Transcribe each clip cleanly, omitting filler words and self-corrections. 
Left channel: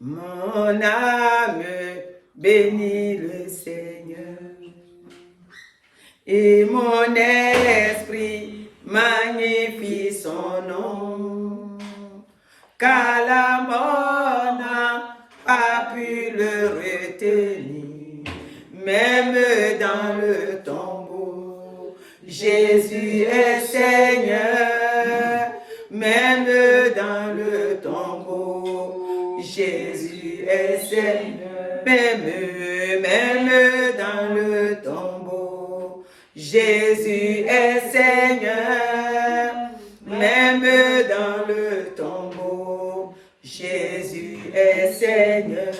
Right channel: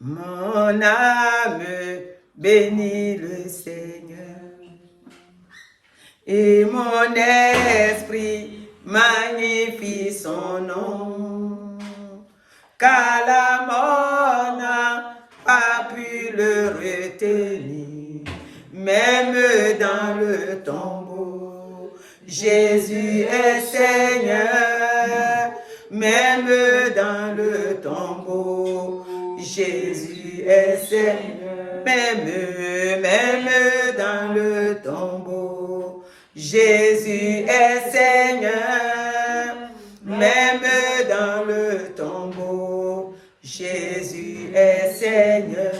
Mon âme bénit le Seigneur et mon esprit magnifie son nom, car la mort n'a pas pu le retenir, même dans le tombeau. Jésus est Seigneur, même dans le tombeau. Jésus est Seigneur, même dans le tombeau. Jésus est Seigneur, même dans le tombeau. Jésus est Seigneur.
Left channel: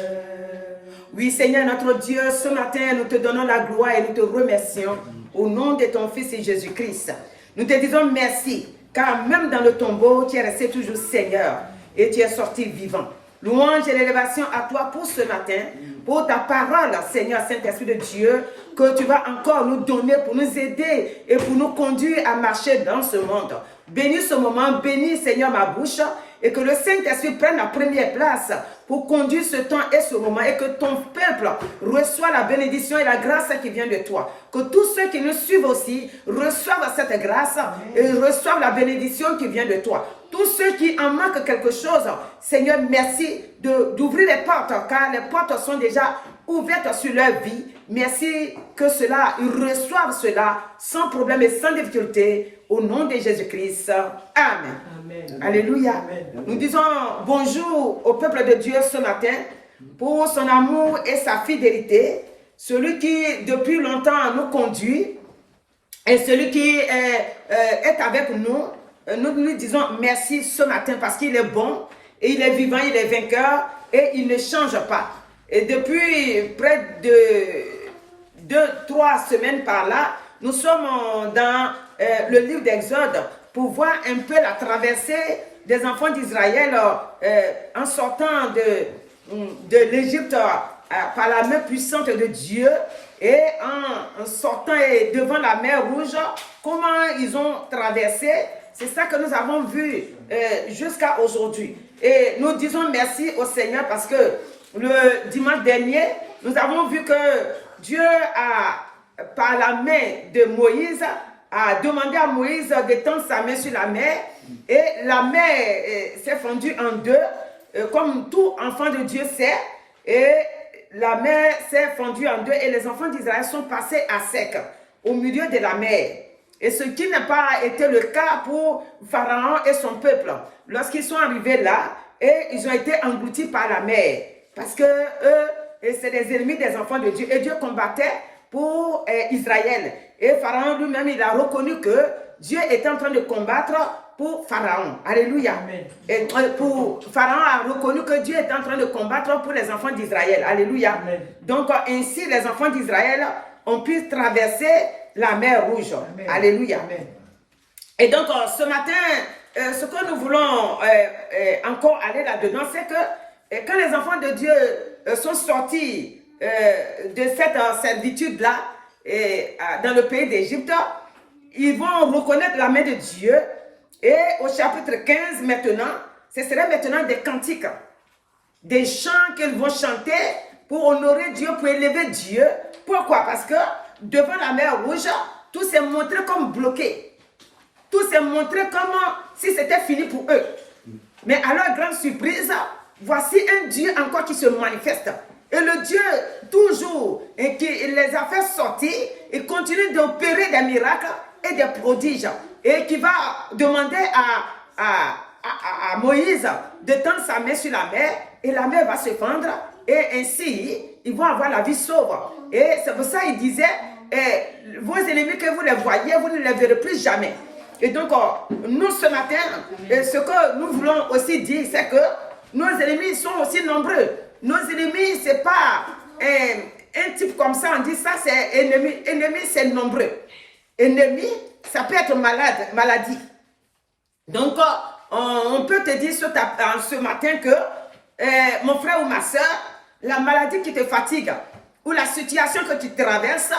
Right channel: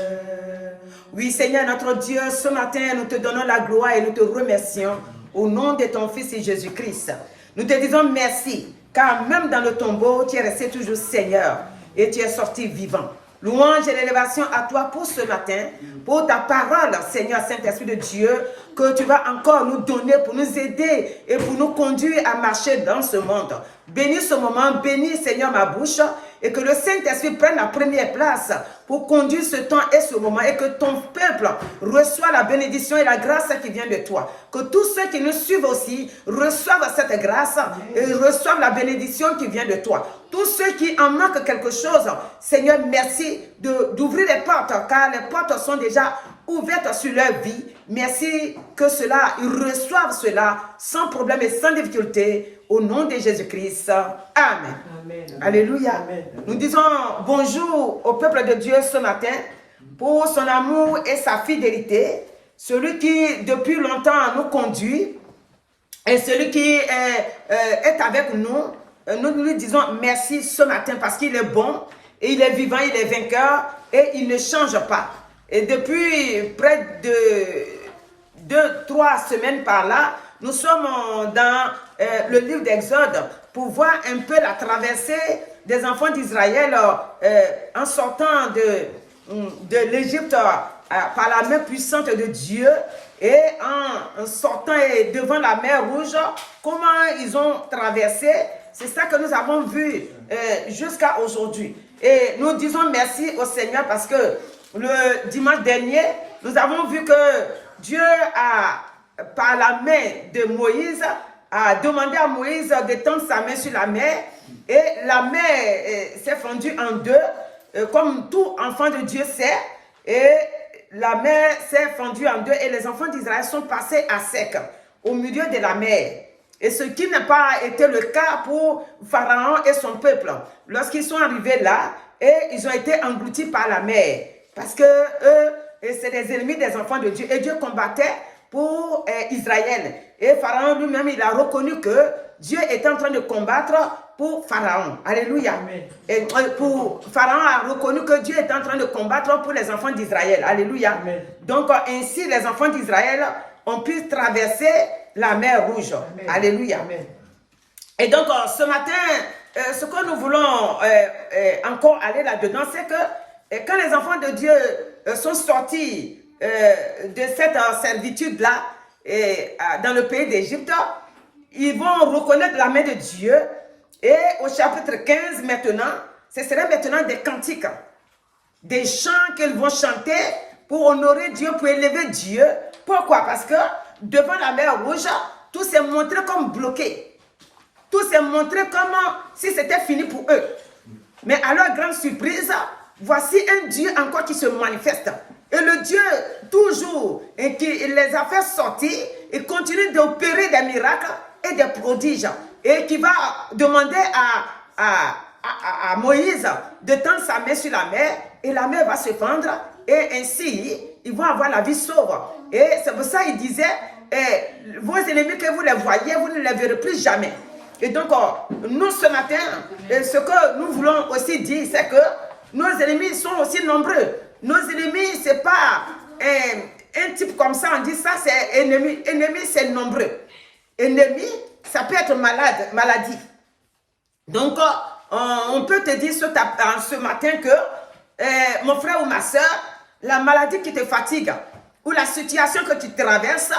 Oui, Seigneur, notre Dieu, ce matin, nous te donnons la gloire et nous te remercions au nom de ton Fils Jésus-Christ. Nous te disons merci, car même dans le tombeau, tu es resté toujours Seigneur et tu es sorti vivant. Louange et l'élévation à toi pour ce matin, pour ta parole, Seigneur Saint-Esprit de Dieu, que tu vas encore nous donner pour nous aider et pour nous conduire à marcher dans ce monde. Bénis ce moment, bénis Seigneur ma bouche et que le Saint-Esprit prenne la première place pour conduire ce temps et ce moment et que ton peuple reçoive la bénédiction et la grâce qui vient de toi. Que tous ceux qui nous suivent aussi reçoivent cette grâce et reçoivent la bénédiction qui vient de toi. Tous ceux qui en manquent quelque chose, Seigneur, merci d'ouvrir les portes, car les portes sont déjà ouvertes sur leur vie. Merci que cela, ils reçoivent cela sans problème et sans difficulté, au nom de Jésus-Christ. Amen. Amen. Alléluia. Amen. Nous disons bonjour au peuple de Dieu ce matin pour son amour et sa fidélité, celui qui depuis longtemps nous conduit et celui qui est avec nous. Nous lui disons merci ce matin parce qu'il est bon et il est vivant, il est vainqueur et il ne change pas. Et depuis près de 2-3 semaines par là, nous sommes dans le livre d'Exode pour voir un peu la traversée des enfants d'Israël en sortant de l'Égypte par la main puissante de Dieu et en sortant devant la mer Rouge, comment ils ont traversé. C'est ça que nous avons vu jusqu'à aujourd'hui. Et nous disons merci au Seigneur parce que le dimanche dernier, nous avons vu que Dieu a, par la main de Moïse, a demandé à Moïse d'étendre sa main sur la mer. Et la mer s'est fondue en deux, comme tout enfant de Dieu sait. Et la mer s'est fondue en deux et les enfants d'Israël sont passés à sec au milieu de la mer. Et ce qui n'a pas été le cas pour Pharaon et son peuple. Lorsqu'ils sont arrivés là, et ils ont été engloutis par la mer. Parce que eux, c'est des ennemis des enfants de Dieu. Et Dieu combattait pour Israël. Et Pharaon lui-même, il a reconnu que Dieu était en train de combattre pour Pharaon. Alléluia. Amen. Et Pharaon a reconnu que Dieu était en train de combattre pour les enfants d'Israël. Alléluia. Amen. Donc ainsi, les enfants d'Israël ont pu traverser la mer Rouge. Amen. Alléluia. Amen. Et donc, ce matin, ce que nous voulons encore aller là-dedans, c'est que quand les enfants de Dieu sont sortis de cette servitude-là, dans le pays d'Égypte, ils vont reconnaître la main de Dieu. Et au chapitre 15, maintenant, ce serait maintenant des cantiques, des chants qu'ils vont chanter pour honorer Dieu, pour élever Dieu. Pourquoi? Parce que devant la mer Rouge, tout s'est montré comme bloqué. Tout s'est montré comme si c'était fini pour eux. Mais à leur grande surprise, voici un Dieu encore qui se manifeste. Et le Dieu, toujours, et qui les a fait sortir, et continue d'opérer des miracles et des prodiges. Et qui va demander à Moïse de tendre sa main sur la mer, et la mer va se fendre, et ainsi, ils vont avoir la vie sauve. Et c'est pour ça qu'il disait, vos ennemis que vous les voyez, vous ne les verrez plus jamais. Et donc, nous ce matin, ce que nous voulons aussi dire, c'est que nos ennemis sont aussi nombreux. Nos ennemis, ce n'est pas un type comme ça, on dit ça, c'est ennemi. Ennemi, c'est nombreux. Ennemi, ça peut être maladie. Donc, on peut te dire ce matin que, mon frère ou ma soeur, la maladie qui te fatigue, ou la situation que tu traverses,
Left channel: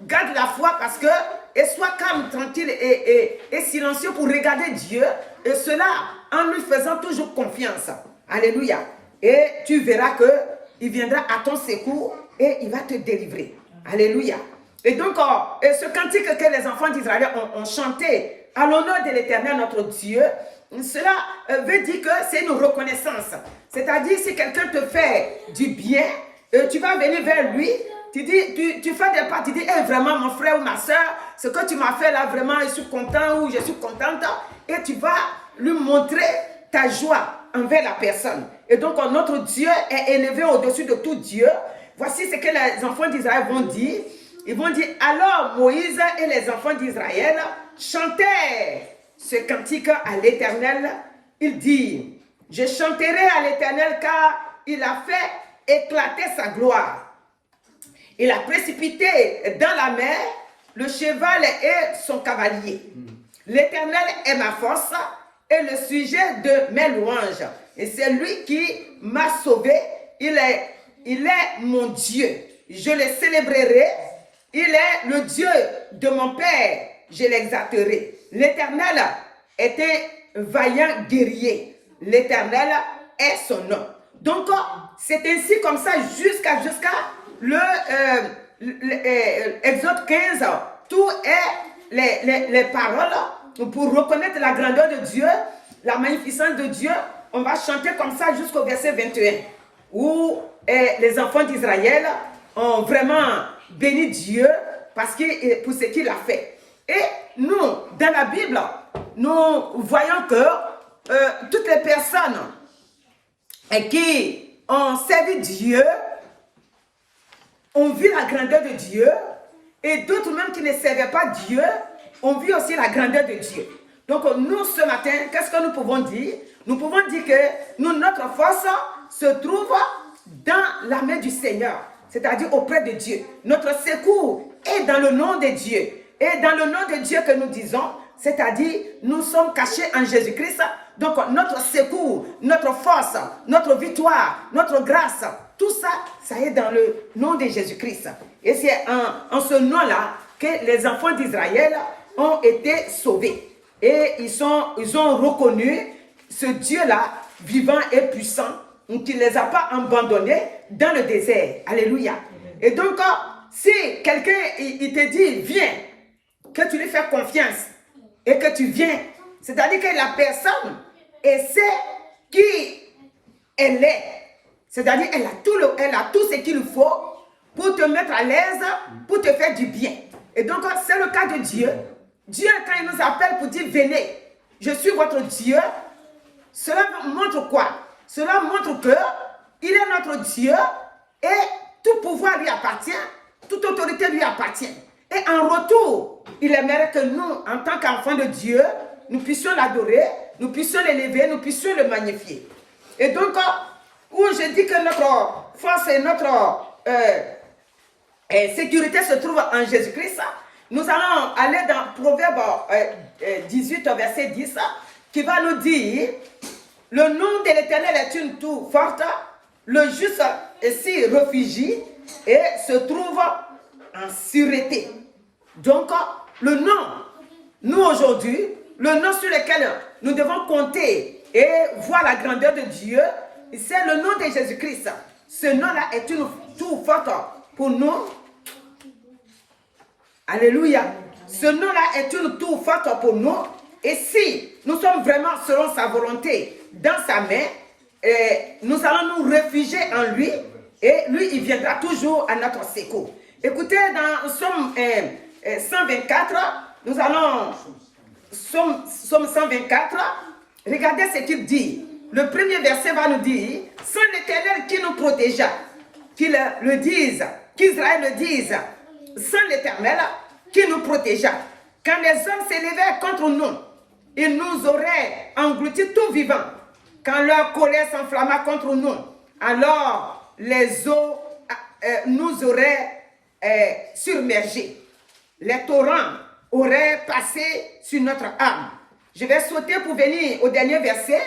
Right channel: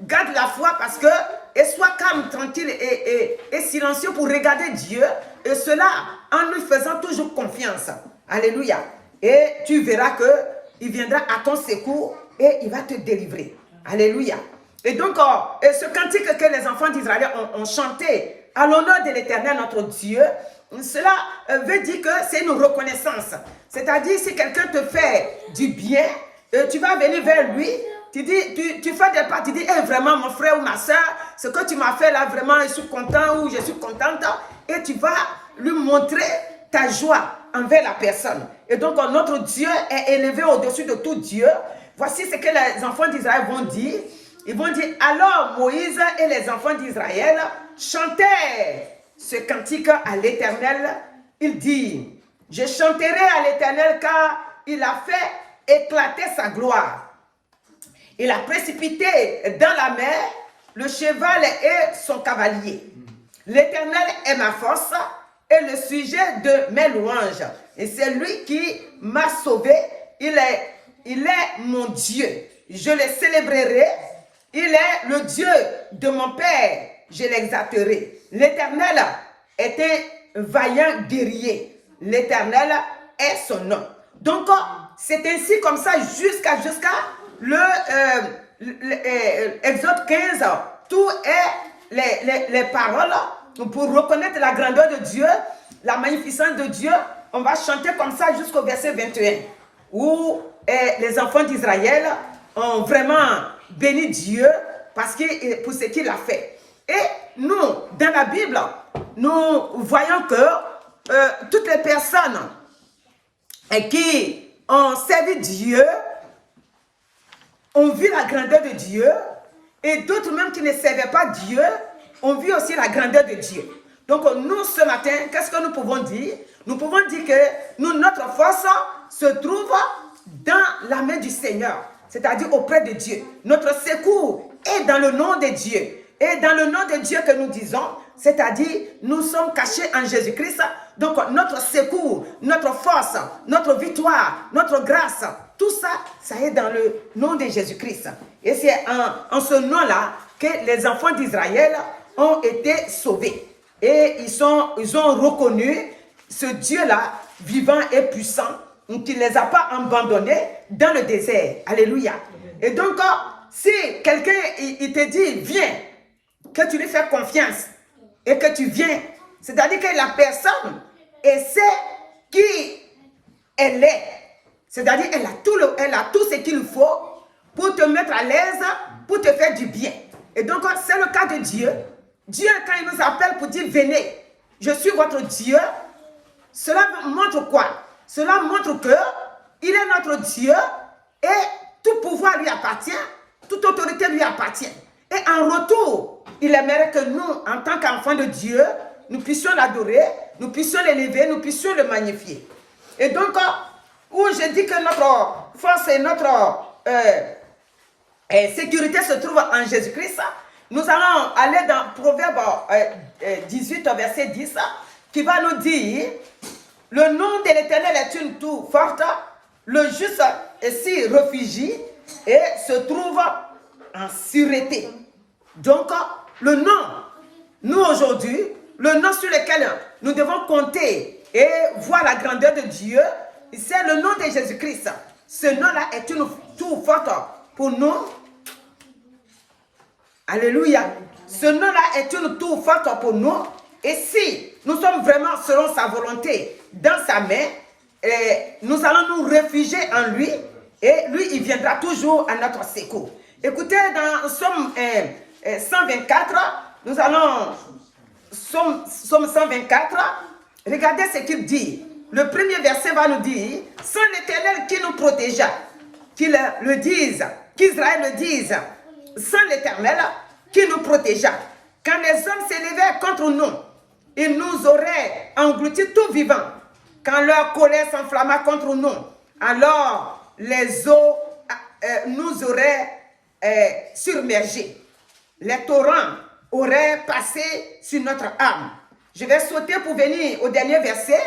garde la foi parce que, et sois calme, tranquille et silencieux pour regarder Dieu, et cela en lui faisant toujours confiance. Alléluia. et tu verras qu'il viendra à ton secours et il va te délivrer. Alléluia. Et donc, ce cantique que les enfants d'Israël ont chanté à l'honneur de l'Éternel, notre Dieu, cela veut dire que c'est une reconnaissance. C'est-à-dire, si quelqu'un te fait du bien, tu vas venir vers lui, tu fais des pas, tu dis, hey, vraiment, mon frère ou ma soeur, ce que tu m'as fait là, vraiment, je suis content ou je suis contente. Et tu vas lui montrer ta joie envers la personne. Et donc, notre Dieu est élevé au-dessus de tout Dieu. Voici ce que les enfants d'Israël vont dire. Ils vont dire, alors Moïse et les enfants d'Israël chantèrent ce cantique à l'Éternel. Il dit, je chanterai à l'Éternel car il a fait éclater sa gloire. Il a précipité dans la mer le cheval et son cavalier. L'Éternel est ma force et le sujet de mes louanges. Et c'est lui qui m'a sauvé. Il est mon Dieu. Je le célébrerai. Il est le Dieu de mon Père. Je l'exalterai. L'Éternel est un vaillant guerrier. L'Éternel est son nom. Donc, c'est ainsi comme ça jusqu'à Exode 15. Tout est les paroles pour reconnaître la grandeur de Dieu, la magnificence de Dieu. On va chanter comme ça jusqu'au verset 21, où les enfants d'Israël ont vraiment béni Dieu pour ce qu'il a fait. Et nous, dans la Bible, nous voyons que toutes les personnes qui ont servi Dieu ont vu la grandeur de Dieu, et d'autres même qui ne servaient pas Dieu ont vu aussi la grandeur de Dieu. Donc nous, ce matin, qu'est-ce que nous pouvons dire? Nous pouvons dire que notre force se trouve dans la main du Seigneur, c'est-à-dire auprès de Dieu. Notre secours est dans le nom de Dieu. Et dans le nom de Dieu que nous disons, c'est-à-dire nous sommes cachés en Jésus-Christ. Donc notre secours, notre force, notre victoire, notre grâce, tout ça, ça est dans le nom de Jésus-Christ. Et c'est en ce nom-là que les enfants d'Israël ont été sauvés. Et ils ont reconnu ce Dieu-là, vivant et puissant, qui ne les a pas abandonnés dans le désert. Alléluia. Et donc, si quelqu'un il te dit, viens, que tu lui fais confiance et que tu viens, c'est-à-dire que la personne, elle sait qui elle est. C'est-à-dire qu'elle a tout ce qu'il faut pour te mettre à l'aise, pour te faire du bien. Et donc, c'est le cas de Dieu. Dieu, quand il nous appelle pour dire, venez, je suis votre Dieu, cela montre quoi? Cela montre qu'il est notre Dieu et tout pouvoir lui appartient, toute autorité lui appartient. Et en retour, il aimerait que nous, en tant qu'enfants de Dieu, nous puissions l'adorer, nous puissions l'élever, nous puissions le magnifier. Et donc, où je dis que notre force et notre sécurité se trouve en Jésus-Christ, nous allons aller dans Proverbe 18, verset 10, qui va nous dire, le nom de l'Éternel est une tour forte, le juste s'y réfugie et se trouve en sûreté. Donc, le nom, nous aujourd'hui, le nom sur lequel nous devons compter et voir la grandeur de Dieu, c'est le nom de Jésus-Christ. Ce nom-là est une tour forte pour nous. Alléluia. Ce nom-là est une tour forte pour nous. Et si nous sommes vraiment selon sa volonté dans sa main, nous allons nous réfugier en lui et lui, il viendra toujours à notre secours. Écoutez, dans Somme 124, nous allons, Somme 124, regardez ce qu'il dit. Le premier verset va nous dire, sans l'Éternel qui nous protégea, qu'il le dise, qu'Israël le dise, sans l'Éternel qui nous protégea. Quand les hommes s'élevaient contre nous, ils nous auraient engloutis tout vivant. Quand leur colère s'enflamma contre nous, alors les eaux nous auraient submergés. Les torrents auraient passé sur notre âme. Je vais sauter pour venir au dernier verset,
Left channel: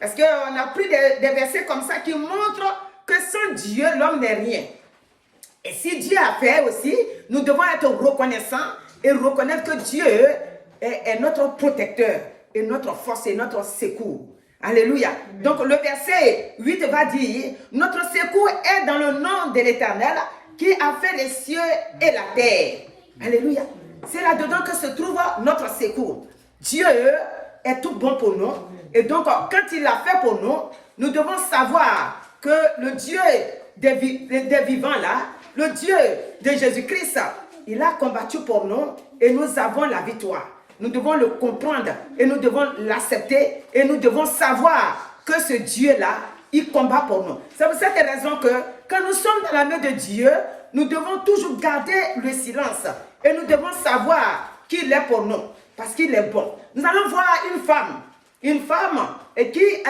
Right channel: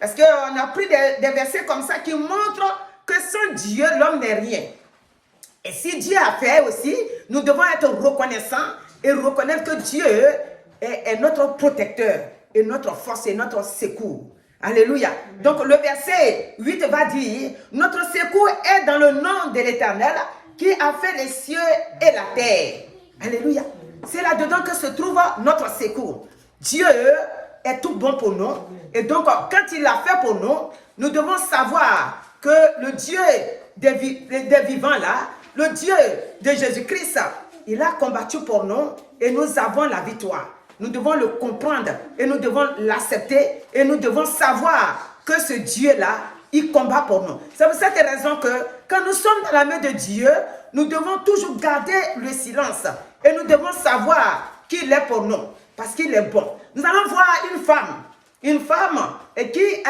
parce qu'on a pris des versets comme ça qui montrent que sans Dieu, l'homme n'est rien. Et si Dieu a fait aussi, nous devons être reconnaissants et reconnaître que Dieu est notre protecteur et notre force et notre secours. Alléluia. Donc le verset 8 va dire, notre secours est dans le nom de l'Éternel qui a fait les cieux et la terre. Alléluia. C'est là-dedans que se trouve notre secours. Dieu est tout bon pour nous. Et donc, quand il l'a fait pour nous, nous devons savoir que le Dieu des vivants là, le Dieu de Jésus-Christ, il a combattu pour nous et nous avons la victoire. Nous devons le comprendre et nous devons l'accepter et nous devons savoir que ce Dieu-là, il combat pour nous. C'est pour cette raison que quand nous sommes dans la main de Dieu, nous devons toujours garder le silence et nous devons savoir qu'il est pour nous parce qu'il est bon. Nous allons voir une femme qui,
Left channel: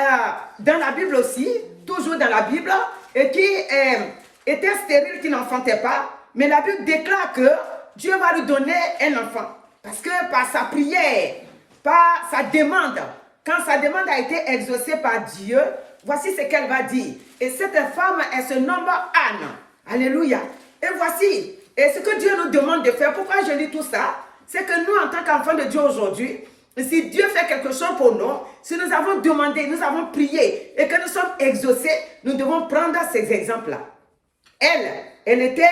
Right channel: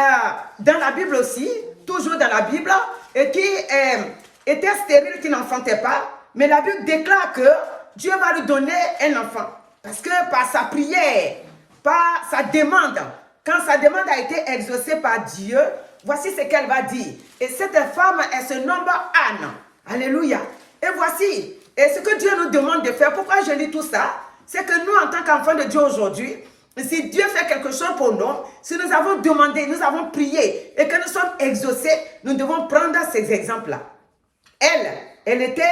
dans la Bible aussi, toujours dans la Bible, et qui était stérile, qui n'enfantait pas, mais la Bible déclare que Dieu va lui donner un enfant. Parce que par sa prière, par sa demande, quand sa demande a été exaucée par Dieu, voici ce qu'elle va dire. Et cette femme, elle se nomme Anne. Alléluia. Et voici, et ce que Dieu nous demande de faire, pourquoi je lis tout ça, c'est que nous, en tant qu'enfants de Dieu aujourd'hui, si Dieu fait quelque chose pour nous, si nous avons demandé, nous avons prié et que nous sommes exaucés, nous devons prendre ces exemples-là. Elle était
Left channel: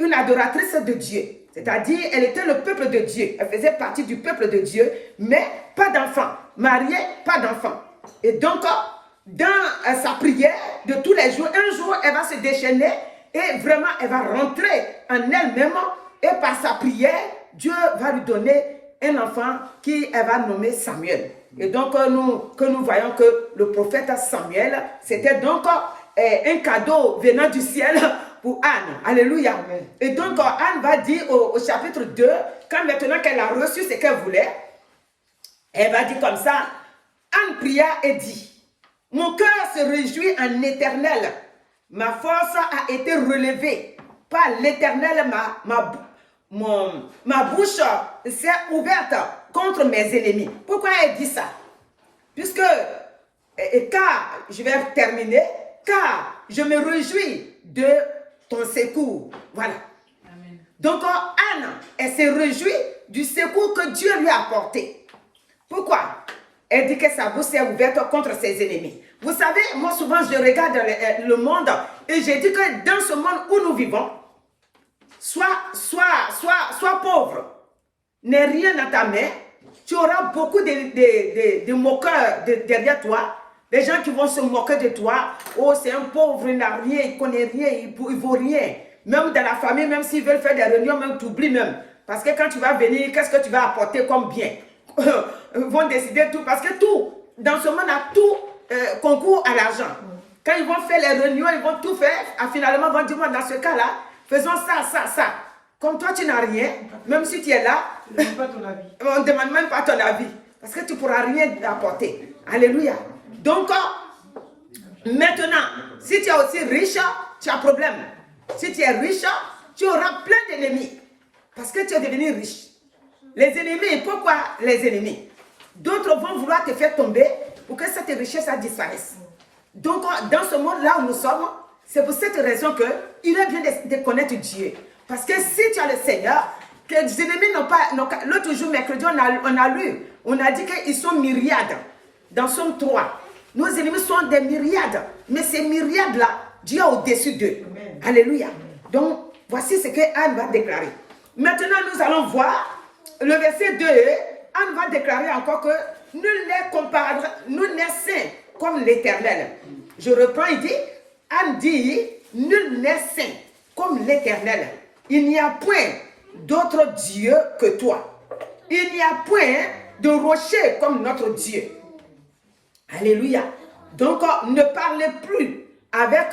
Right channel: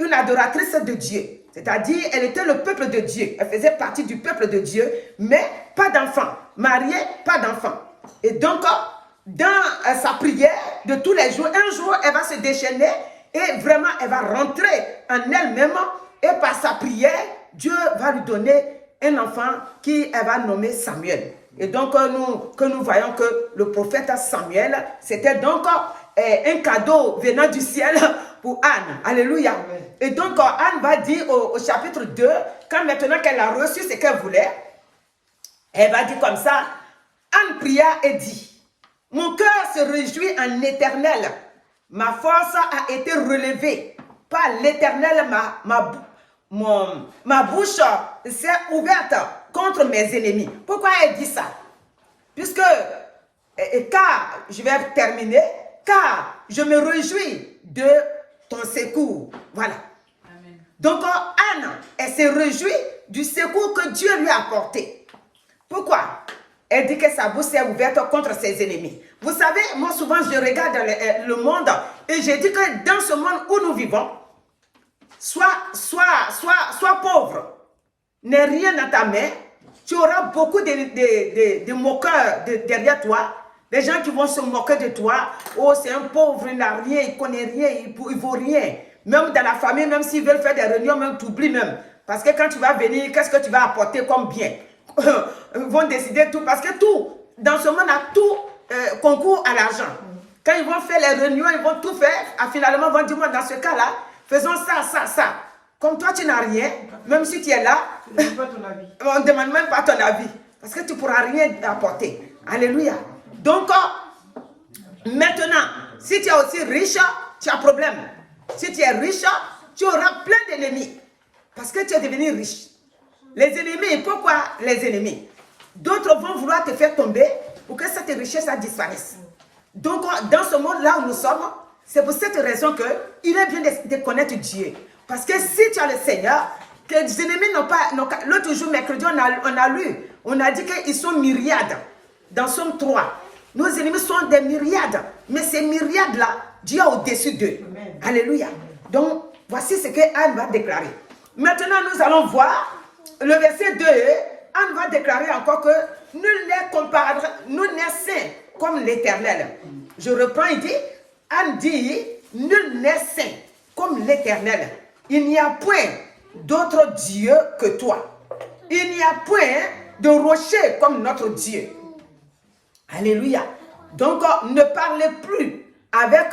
une adoratrice de Dieu. C'est-à-dire, elle était le peuple de Dieu. Elle faisait partie du peuple de Dieu, mais pas d'enfant. Mariée, pas d'enfant. Et donc, dans sa prière de tous les jours, un jour, elle va se déchaîner et vraiment, elle va rentrer en elle-même. Et par sa prière, Dieu va lui donner un enfant qui elle va nommer Samuel. Et donc, nous voyons que le prophète Samuel, c'était donc un cadeau venant du ciel pour Anne. Alléluia. Et donc, Anne va dire au chapitre 2, quand maintenant qu'elle a reçu ce qu'elle voulait, elle va dire comme ça, Anne pria et dit, mon cœur se réjouit en l'Éternel. Ma force a été relevée par l'Éternel. Ma bouche s'est ouverte contre mes ennemis. Pourquoi elle dit ça? Puisque, car, je vais terminer, car je me réjouis de ton secours. Voilà. Amen. Donc, Anne, elle s'est réjouie du secours que Dieu lui a apporté. Pourquoi? Elle dit que sa bouche s'est ouverte contre ses ennemis. Vous savez, moi souvent je regarde le monde et je dis que dans ce monde où nous vivons, sois pauvre, n'aie rien dans ta main, tu auras beaucoup de moqueurs derrière toi, des gens qui vont se moquer de toi. Oh, c'est un pauvre, il n'a rien, il ne connaît rien, il ne vaut rien. Même dans la famille, même s'ils veulent faire des réunions, même tu oublies même. Parce que quand tu vas venir, qu'est-ce que tu vas apporter comme bien? Ils vont décider tout, parce que tout, dans ce monde, tout concourt à l'argent. Quand ils vont faire les réunions, ils vont tout faire, finalement, ils vont dire, moi, dans ce cas-là, faisons ça. Comme toi, tu n'as rien, même si tu es là, on ne demande même pas ton avis, parce que tu ne pourras rien apporter. Alléluia. Donc, maintenant, si tu es aussi riche, tu as un problème. Si tu es riche, tu auras plein d'ennemis, parce que tu es devenu riche. Les ennemis, pourquoi les ennemis? D'autres vont vouloir te faire tomber pour que cette richesse disparaisse. Donc, dans ce monde-là où nous sommes, c'est pour cette raison qu'il est bien de connaître Dieu. Parce que si tu as le Seigneur, que les ennemis n'ont pas... L'autre jour, mercredi, on a dit qu'ils sont myriades. Dans Somme 3, nos ennemis sont des myriades. Mais ces myriades-là, Dieu est au-dessus d'eux. Alléluia. Donc, voici ce que Anne va déclarer. Maintenant, nous allons voir le verset 2. Anne va déclarer encore que nul n'est saint comme l'Éternel. Je reprends, il dit, Anne dit, nul n'est saint comme l'Éternel. Il n'y a point d'autre Dieu que toi. Il n'y a point de rocher comme notre Dieu. Alléluia. Donc, ne parlez plus avec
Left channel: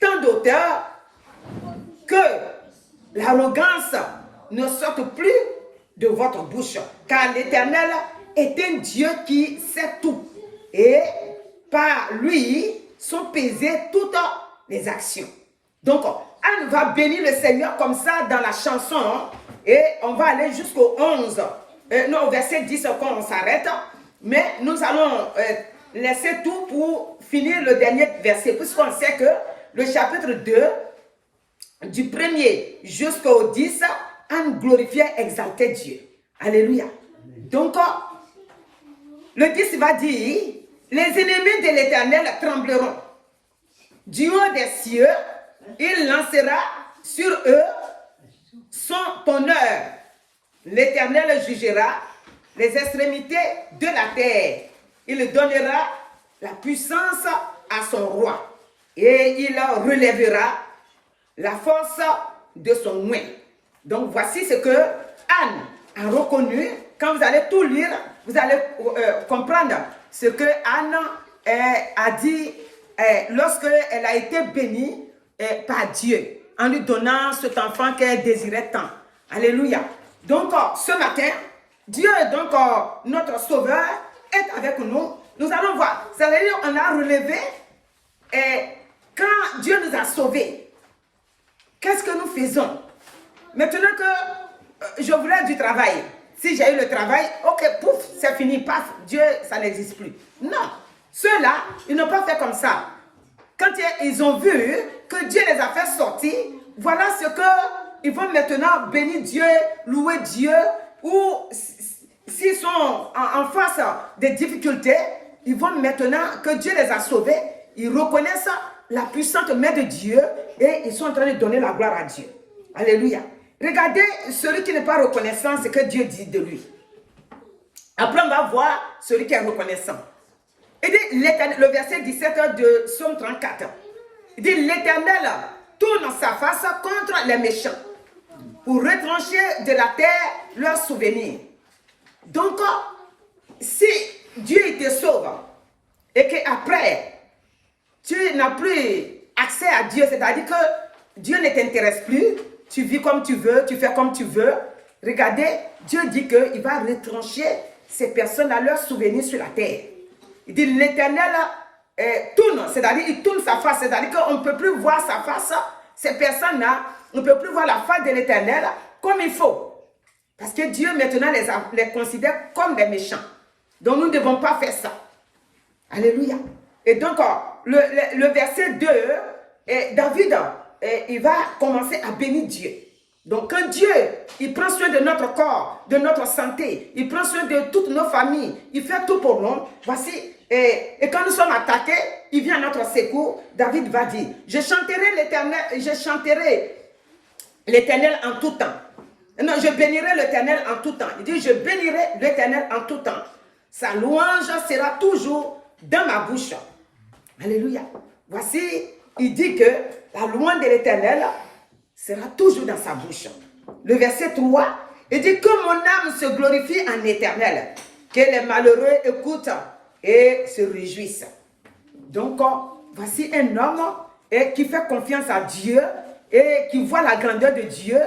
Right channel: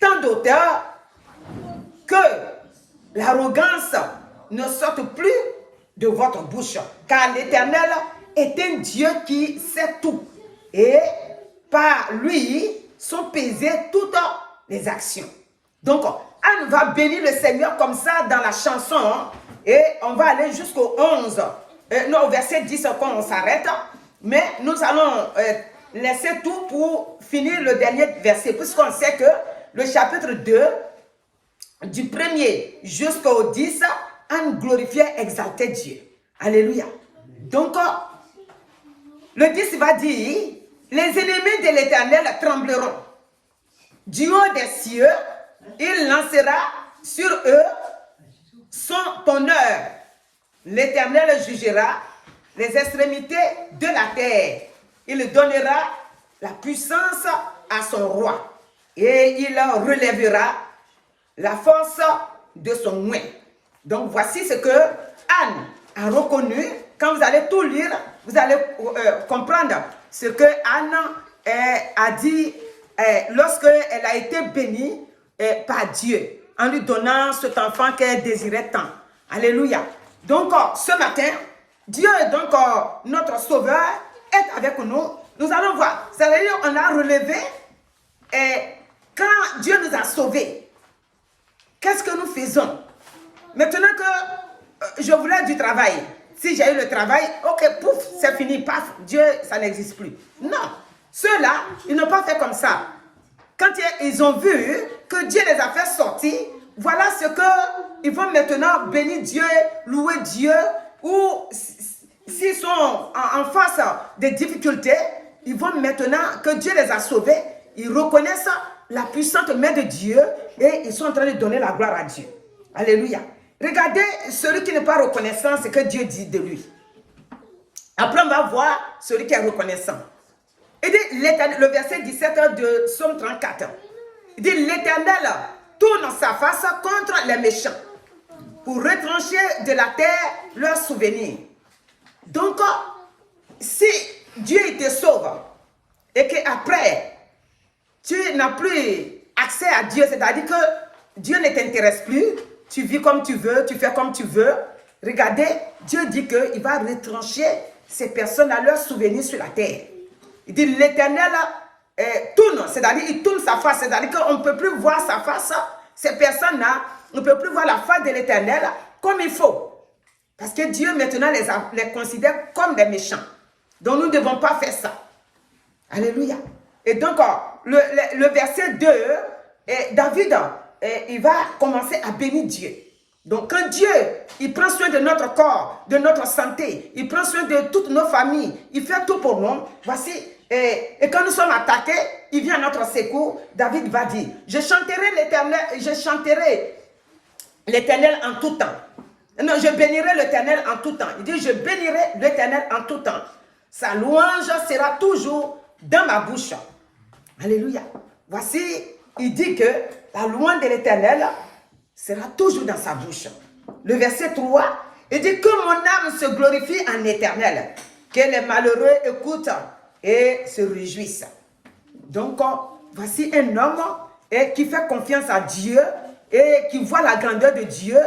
tant d'auteur que l'arrogance ne sorte plus de votre bouche. Car l'Éternel est un Dieu qui sait tout. Et par lui sont pesées toutes les actions. Donc, Anne va bénir le Seigneur comme ça dans la chanson. Et on va aller jusqu'au 11. Non, au verset 10 quand on s'arrête. Mais nous allons laisser tout pour finir le dernier verset. Puisqu'on sait que le chapitre 2, du 1er jusqu'au 10, Anne glorifiait, exaltait Dieu. Alléluia. Donc, Le 10 va dire, les ennemis de l'Éternel trembleront. Du haut des cieux, il lancera sur eux son honneur. L'Éternel jugera les extrémités de la terre. Il donnera la puissance à son roi et il relèvera la force de son oint. Donc voici ce que Anne a reconnu. Quand vous allez tout lire, vous allez comprendre ce que Anne a dit lorsqu'elle a été bénie par Dieu en lui donnant cet enfant qu'elle désirait tant. Alléluia. Donc ce matin, Dieu, donc notre Sauveur, est avec nous. Nous allons voir. Ça veut dire qu'on a relevé quand Dieu nous a sauvés. Qu'est-ce que nous faisons? Maintenant que je voulais du travail, si j'ai eu le travail, ok, pouf, c'est fini, paf, Dieu, ça n'existe plus. Non, ceux-là, ils n'ont pas fait comme ça. Quand ils ont vu que Dieu les a fait sortir, voilà ce qu'ils vont maintenant bénir Dieu, louer Dieu, ou s'ils sont en face des difficultés, ils vont maintenant que Dieu les a sauvés, ils reconnaissent la puissante main de Dieu et ils sont en train de donner la gloire à Dieu. Alléluia. Regardez celui qui n'est pas reconnaissant, ce que Dieu dit de lui. Après, on va voir celui qui est reconnaissant. Il dit, le verset 17 de Psaume 34. Il dit, l'Éternel tourne sa face contre les méchants pour retrancher de la terre leurs souvenirs. Donc, si Dieu te sauve et qu'après, tu n'as plus accès à Dieu, c'est-à-dire que Dieu ne t'intéresse plus, tu vis comme tu veux, tu fais comme tu veux. Regardez, Dieu dit qu'il va retrancher ces personnes à leurs souvenirs sur la terre. Il dit l'Éternel tourne, c'est-à-dire il tourne sa face, c'est-à-dire qu'on ne peut plus voir sa face. Ces personnes-là, on ne peut plus voir la face de l'Éternel comme il faut. Parce que Dieu maintenant les considère comme des méchants. Donc nous ne devons pas faire ça. Alléluia. Et donc le verset 2, David, il va commencer à bénir Dieu. Donc quand Dieu, il prend soin de notre corps, de notre santé, il prend soin de toutes nos familles, il fait tout pour nous. Voici, et quand nous sommes attaqués, il vient à notre secours. David va dire, je chanterai l'Éternel en tout temps. Non, je bénirai l'Éternel en tout temps. Il dit, je bénirai l'Éternel en tout temps. Sa louange sera toujours dans ma bouche. Alléluia. Voici, il dit que la louange de l'Éternel sera toujours dans sa bouche. Le verset 3, il dit que mon âme se glorifie en Éternel, que les malheureux écoutent et se réjouissent. Donc, voici un homme qui fait confiance à Dieu et qui voit la grandeur de Dieu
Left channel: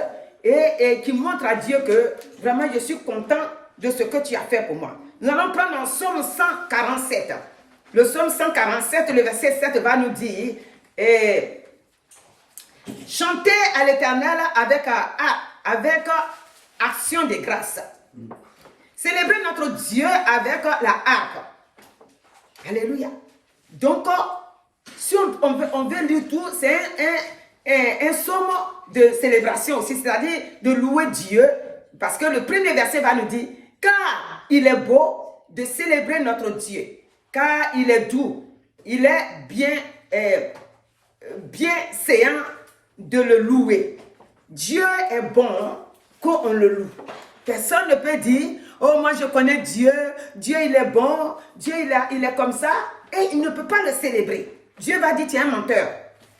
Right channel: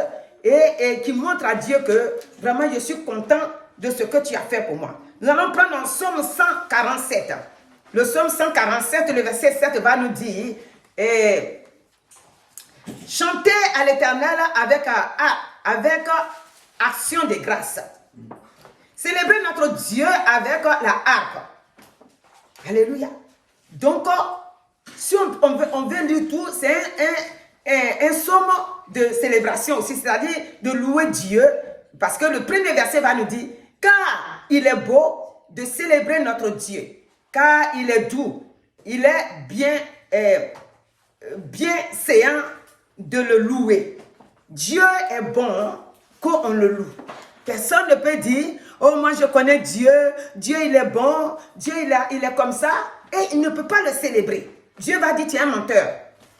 et qui montre à Dieu que vraiment je suis content de ce que tu as fait pour moi. Nous allons prendre un psaume 147. Le psaume 147, le verset 7 va nous dire chantez à l'Éternel avec action de grâce. Célébrez notre Dieu avec la harpe. Alléluia. Donc, si on veut lire tout, c'est un psaume de célébration aussi, c'est-à-dire de louer Dieu, parce que le premier verset va nous dire, car il est beau de célébrer notre Dieu, car il est doux, il est bien séant de le louer. Dieu est bon quand on le loue. Personne ne peut dire, oh moi je connais Dieu, Dieu il est bon, Dieu il est comme ça, et il ne peut pas le célébrer. Dieu va dire, tu es un menteur.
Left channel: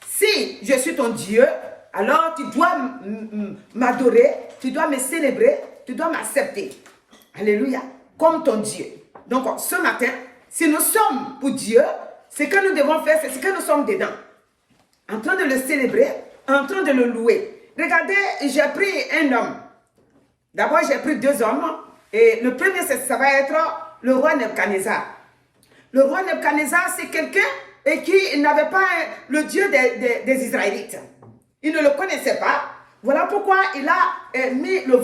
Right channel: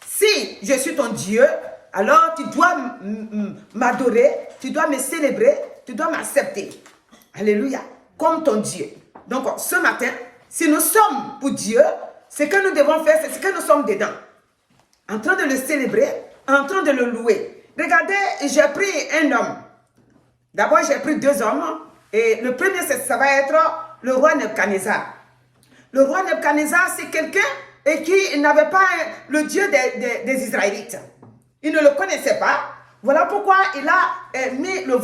Si je suis ton Dieu, alors tu dois m'adorer, tu dois me célébrer, tu dois m'accepter. Alléluia, comme ton Dieu. Donc ce matin, si nous sommes pour Dieu, ce que nous devons faire, c'est ce que nous sommes dedans. En train de le célébrer, en train de le louer. Regardez, j'ai pris un homme. D'abord, j'ai pris deux hommes. Et le premier, ça va être le roi Nebuchadnezzar. Le roi Nebuchadnezzar, c'est quelqu'un qui n'avait pas le Dieu des Israélites. Il ne le connaissait pas. Voilà pourquoi il a mis le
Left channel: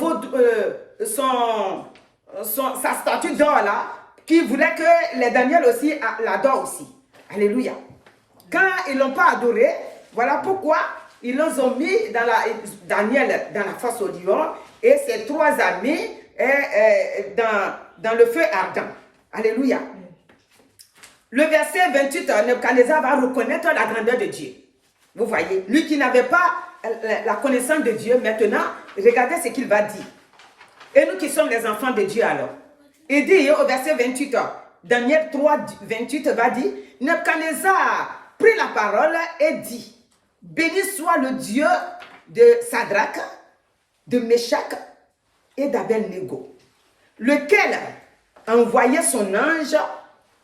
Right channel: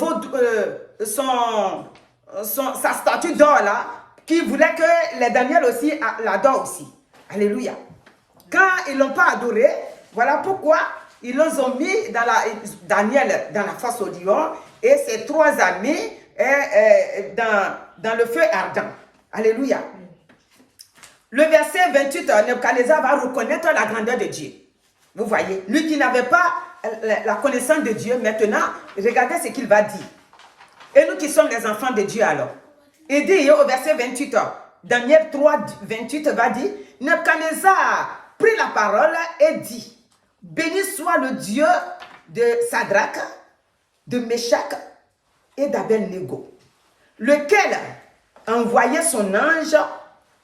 sa statue d'or là, qui voulait que les Daniel aussi l'adorent aussi. Alléluia. Quand ils ne l'ont pas adoré, voilà pourquoi ils les ont mis Daniel dans la fosse au lion et ses trois amis dans le feu ardent. Alléluia. Le verset 28, Nebuchadnezzar va reconnaître la grandeur de Dieu. Vous voyez, lui qui n'avait pas la connaissance de Dieu, maintenant, regardez ce qu'il va dire. Et nous qui sommes les enfants de Dieu alors. Il dit au verset 28, Daniel 3, 28 va dire, Nebuchadnezzar prit la parole et dit, béni soit le Dieu de Sadrach, de Meshach et d'Abednego, lequel a envoyé son ange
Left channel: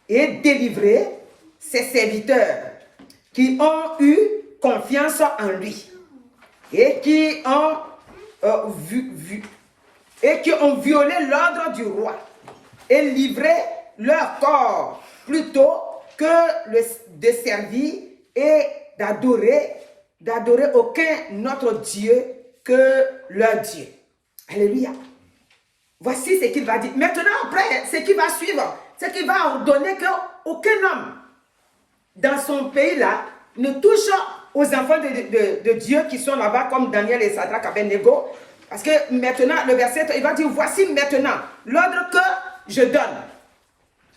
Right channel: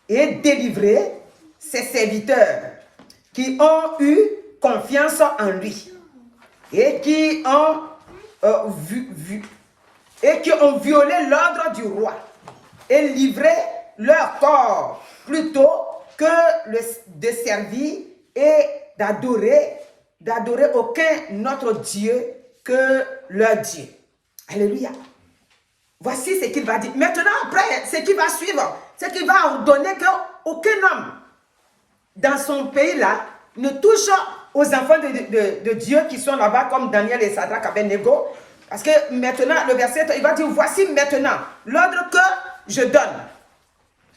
et délivré ses serviteurs qui ont eu confiance en lui et qui ont violé l'ordre du roi et livré leur corps plutôt que de servir et d'adorer aucun autre Dieu que leur Dieu. Alléluia. Voici ce qu'il va dire. Maintenant, après, ce qui va suivre, c'est qu'il va ordonner qu'aucun homme dans son pays-là ne touche aux enfants de Dieu qui sont là-bas, comme Daniel et Sadrach, Abednego. Parce que maintenant, le verset, il va dire, voici maintenant l'ordre que je donne.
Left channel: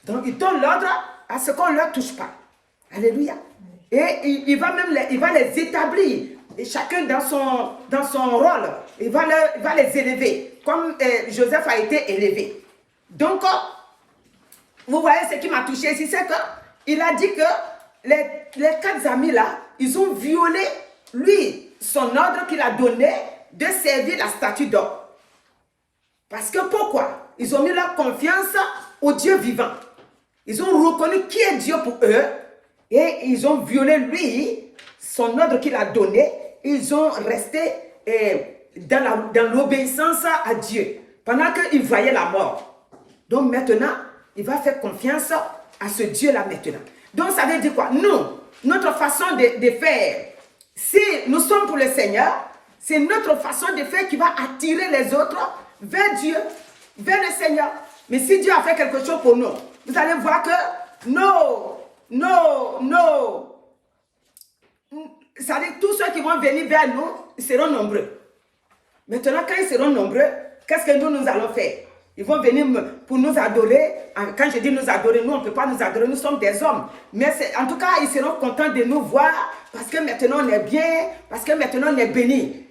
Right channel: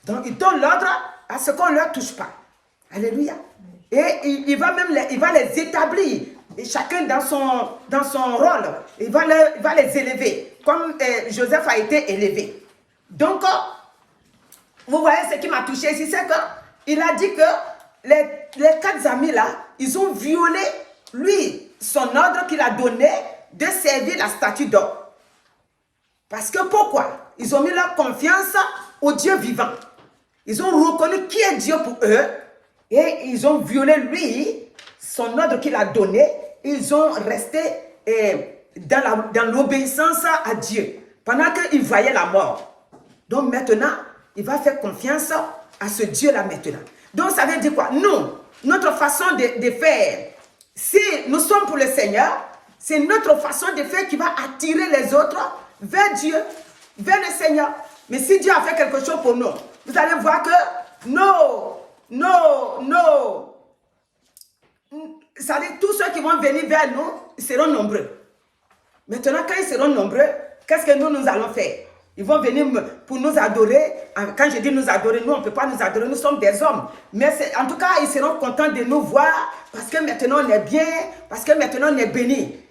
Donc, il donne l'ordre à ce qu'on ne leur touche pas. Alléluia. Et il va les établir, et chacun dans son rôle. Il va les élever, comme Joseph a été élevé. Donc, vous voyez ce qui m'a touché ici, c'est qu'il a dit que les 4 amis là, ils ont violé, lui, son ordre qu'il a donné de servir la statue d'or. Parce que pourquoi? Ils ont mis leur confiance au Dieu vivant. Ils ont reconnu qui est Dieu pour eux et ils ont violé lui, son ordre qu'il a donné. Ils ont resté dans l'obéissance à Dieu pendant qu'ils voyaient la mort. Donc maintenant, il va faire confiance à ce Dieu-là maintenant. Donc ça veut dire quoi? Nous, notre façon de faire, si nous sommes pour le Seigneur, c'est notre façon de faire qui va attirer les autres vers Dieu, vers le Seigneur. Mais si Dieu a fait quelque chose pour nous, vous allez voir que ça veut dire tous ceux qui vont venir vers nous, ils seront nombreux. Maintenant, quand ils seront nombreux, qu'est-ce que nous allons faire? Ils vont venir pour nous adorer. Quand je dis nous adorer, nous, on ne peut pas nous adorer, nous sommes des hommes. Mais en tout cas, ils seront contents de nous voir parce que maintenant on est bien, parce que maintenant on est béni.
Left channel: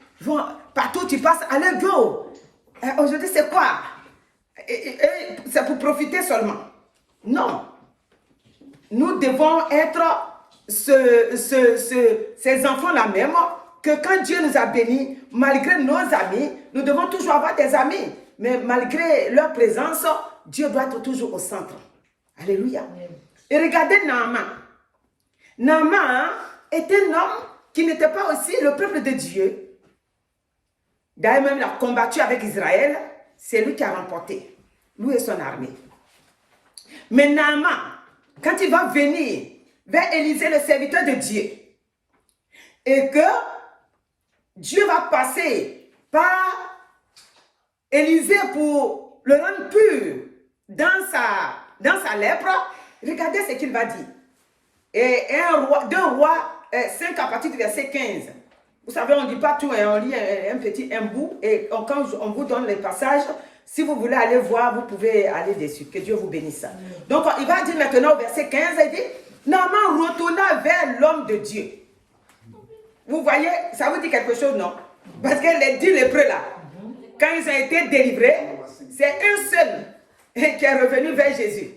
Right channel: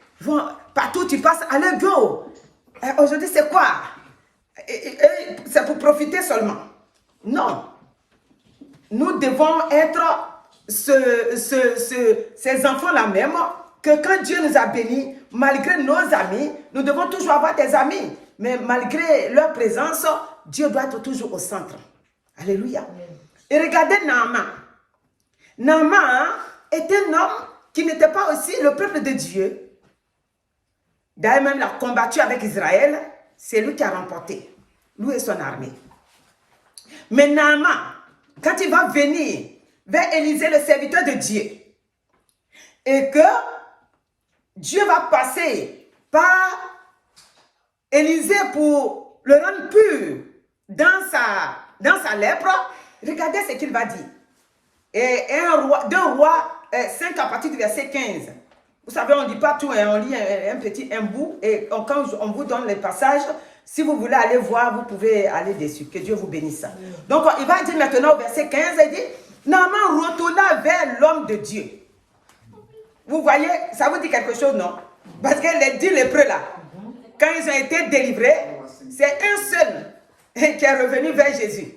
Partout où tu passes, allez, go. Aujourd'hui, c'est quoi? C'est pour profiter seulement. Non. Nous devons être ces enfants-là même, que quand Dieu nous a bénis, malgré nos amis, nous devons toujours avoir des amis. Mais malgré leur présence, Dieu doit être toujours au centre. Alléluia. Et regardez Naaman. Naaman est un homme qui n'était pas aussi le peuple de Dieu. D'ailleurs, même il a combattu avec Israël. C'est lui qui a remporté. Lui et son armée. Mais Naaman, quand il va venir vers Élisée, le serviteur de Dieu, et que Dieu va passer par Élisée pour le rendre pur dans sa lèpre, regardez ce qu'il va dire. Et 2 Rois 5 à partir du verset 15. Vous savez, on ne dit pas tout, hein, on lit un bout, et quand on vous donne les passages, si vous voulez aller voir, vous pouvez aller dessus. Que Dieu vous bénisse. Donc, il va dire maintenant au verset 15, il dit, Naaman retourna vers l'homme de Dieu. Vous voyez, ça vous dit quelque chose, non? Parce que les 10 lépreux là, quand ils ont été délivrés, c'est un seul qui est revenu vers Jésus.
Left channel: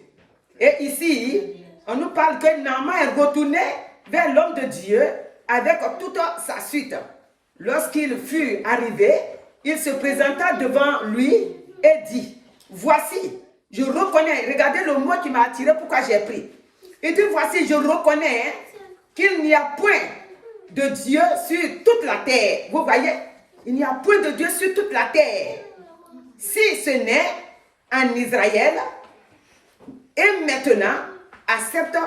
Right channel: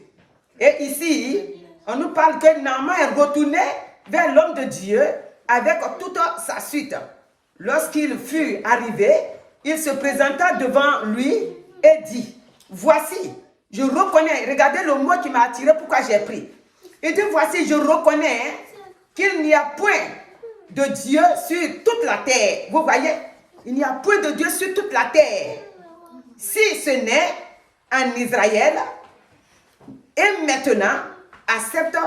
Et ici, on nous parle que Naaman est retourné vers l'homme de Dieu avec toute sa suite. Lorsqu'il fut arrivé, il se présenta devant lui et dit, voici, je reconnais, regardez le mot qui m'a attiré, pourquoi j'ai pris. Il dit, voici, je reconnais qu'il n'y a point de Dieu sur toute la terre. Vous voyez, il n'y a point de Dieu sur toute la terre. Si ce n'est en Israël, et maintenant, accepte,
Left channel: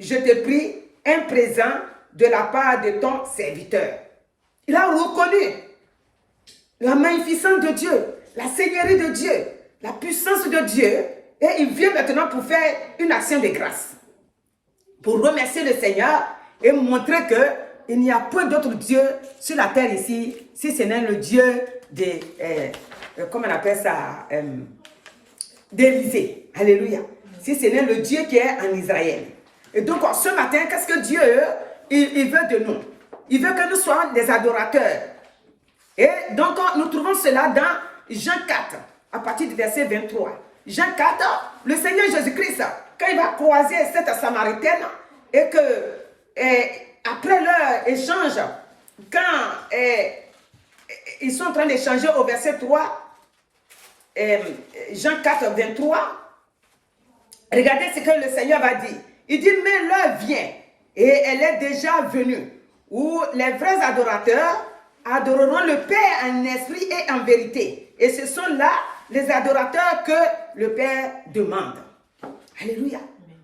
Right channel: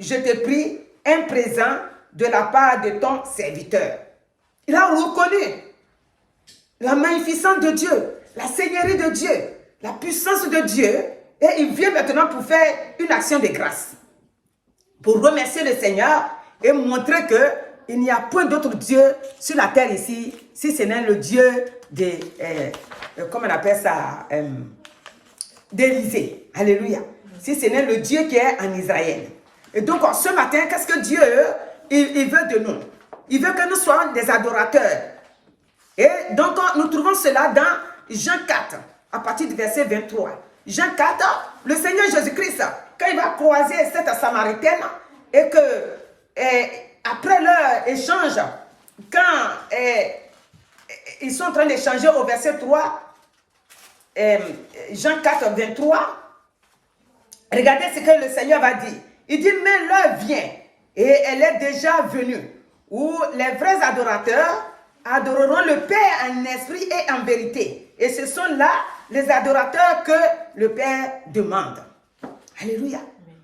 je te prie, un présent de la part de ton serviteur. Il a reconnu la magnificence de Dieu, la seigneurie de Dieu, la puissance de Dieu, et il vient maintenant pour faire une action de grâce, pour remercier le Seigneur et montrer qu'il n'y a point d'autre Dieu sur la terre ici, si ce n'est le Dieu comment on appelle ça, d'Élisée. Alléluia. si ce n'est le Dieu qui est en Israël. Et donc, ce matin, qu'est-ce que Dieu, il veut de nous? Il veut que nous soyons des adorateurs. Et donc, nous trouvons cela dans Jean 4, à partir du verset 23. Jean 4, le Seigneur Jésus-Christ, quand il va croiser cette Samaritaine, et que après leur échange, quand ils sont en train d'échanger au verset 3, Jean 4, 23, regardez ce que le Seigneur va dire. Il dit, mais l'heure vient, et elle est déjà venue, où les vrais adorateurs adoreront le Père en esprit et en vérité. Et ce sont là les adorateurs que le Père demande. Alléluia.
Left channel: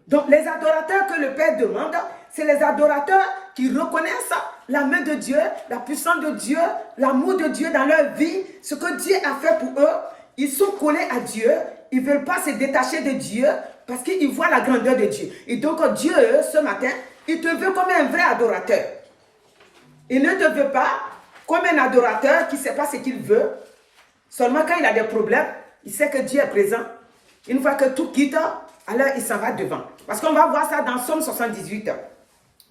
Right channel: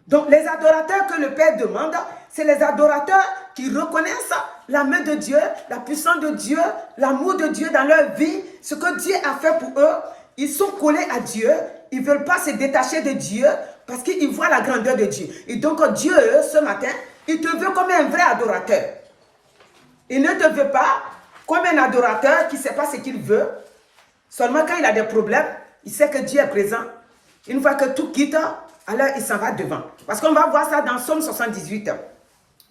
Donc les adorateurs que le Père demande, c'est les adorateurs qui reconnaissent la main de Dieu, la puissance de Dieu, l'amour de Dieu dans leur vie, ce que Dieu a fait pour eux. Ils sont collés à Dieu, ils ne veulent pas se détacher de Dieu parce qu'ils voient la grandeur de Dieu. Et donc Dieu, ce matin, il te veut comme un vrai adorateur. Il ne te veut pas comme un adorateur qui ne sait pas ce qu'il veut. Seulement quand il a des problèmes, il sait que Dieu est présent. Une fois que tout quitte, alors il s'en va devant. Parce qu'on va voir ça dans Psaume 78.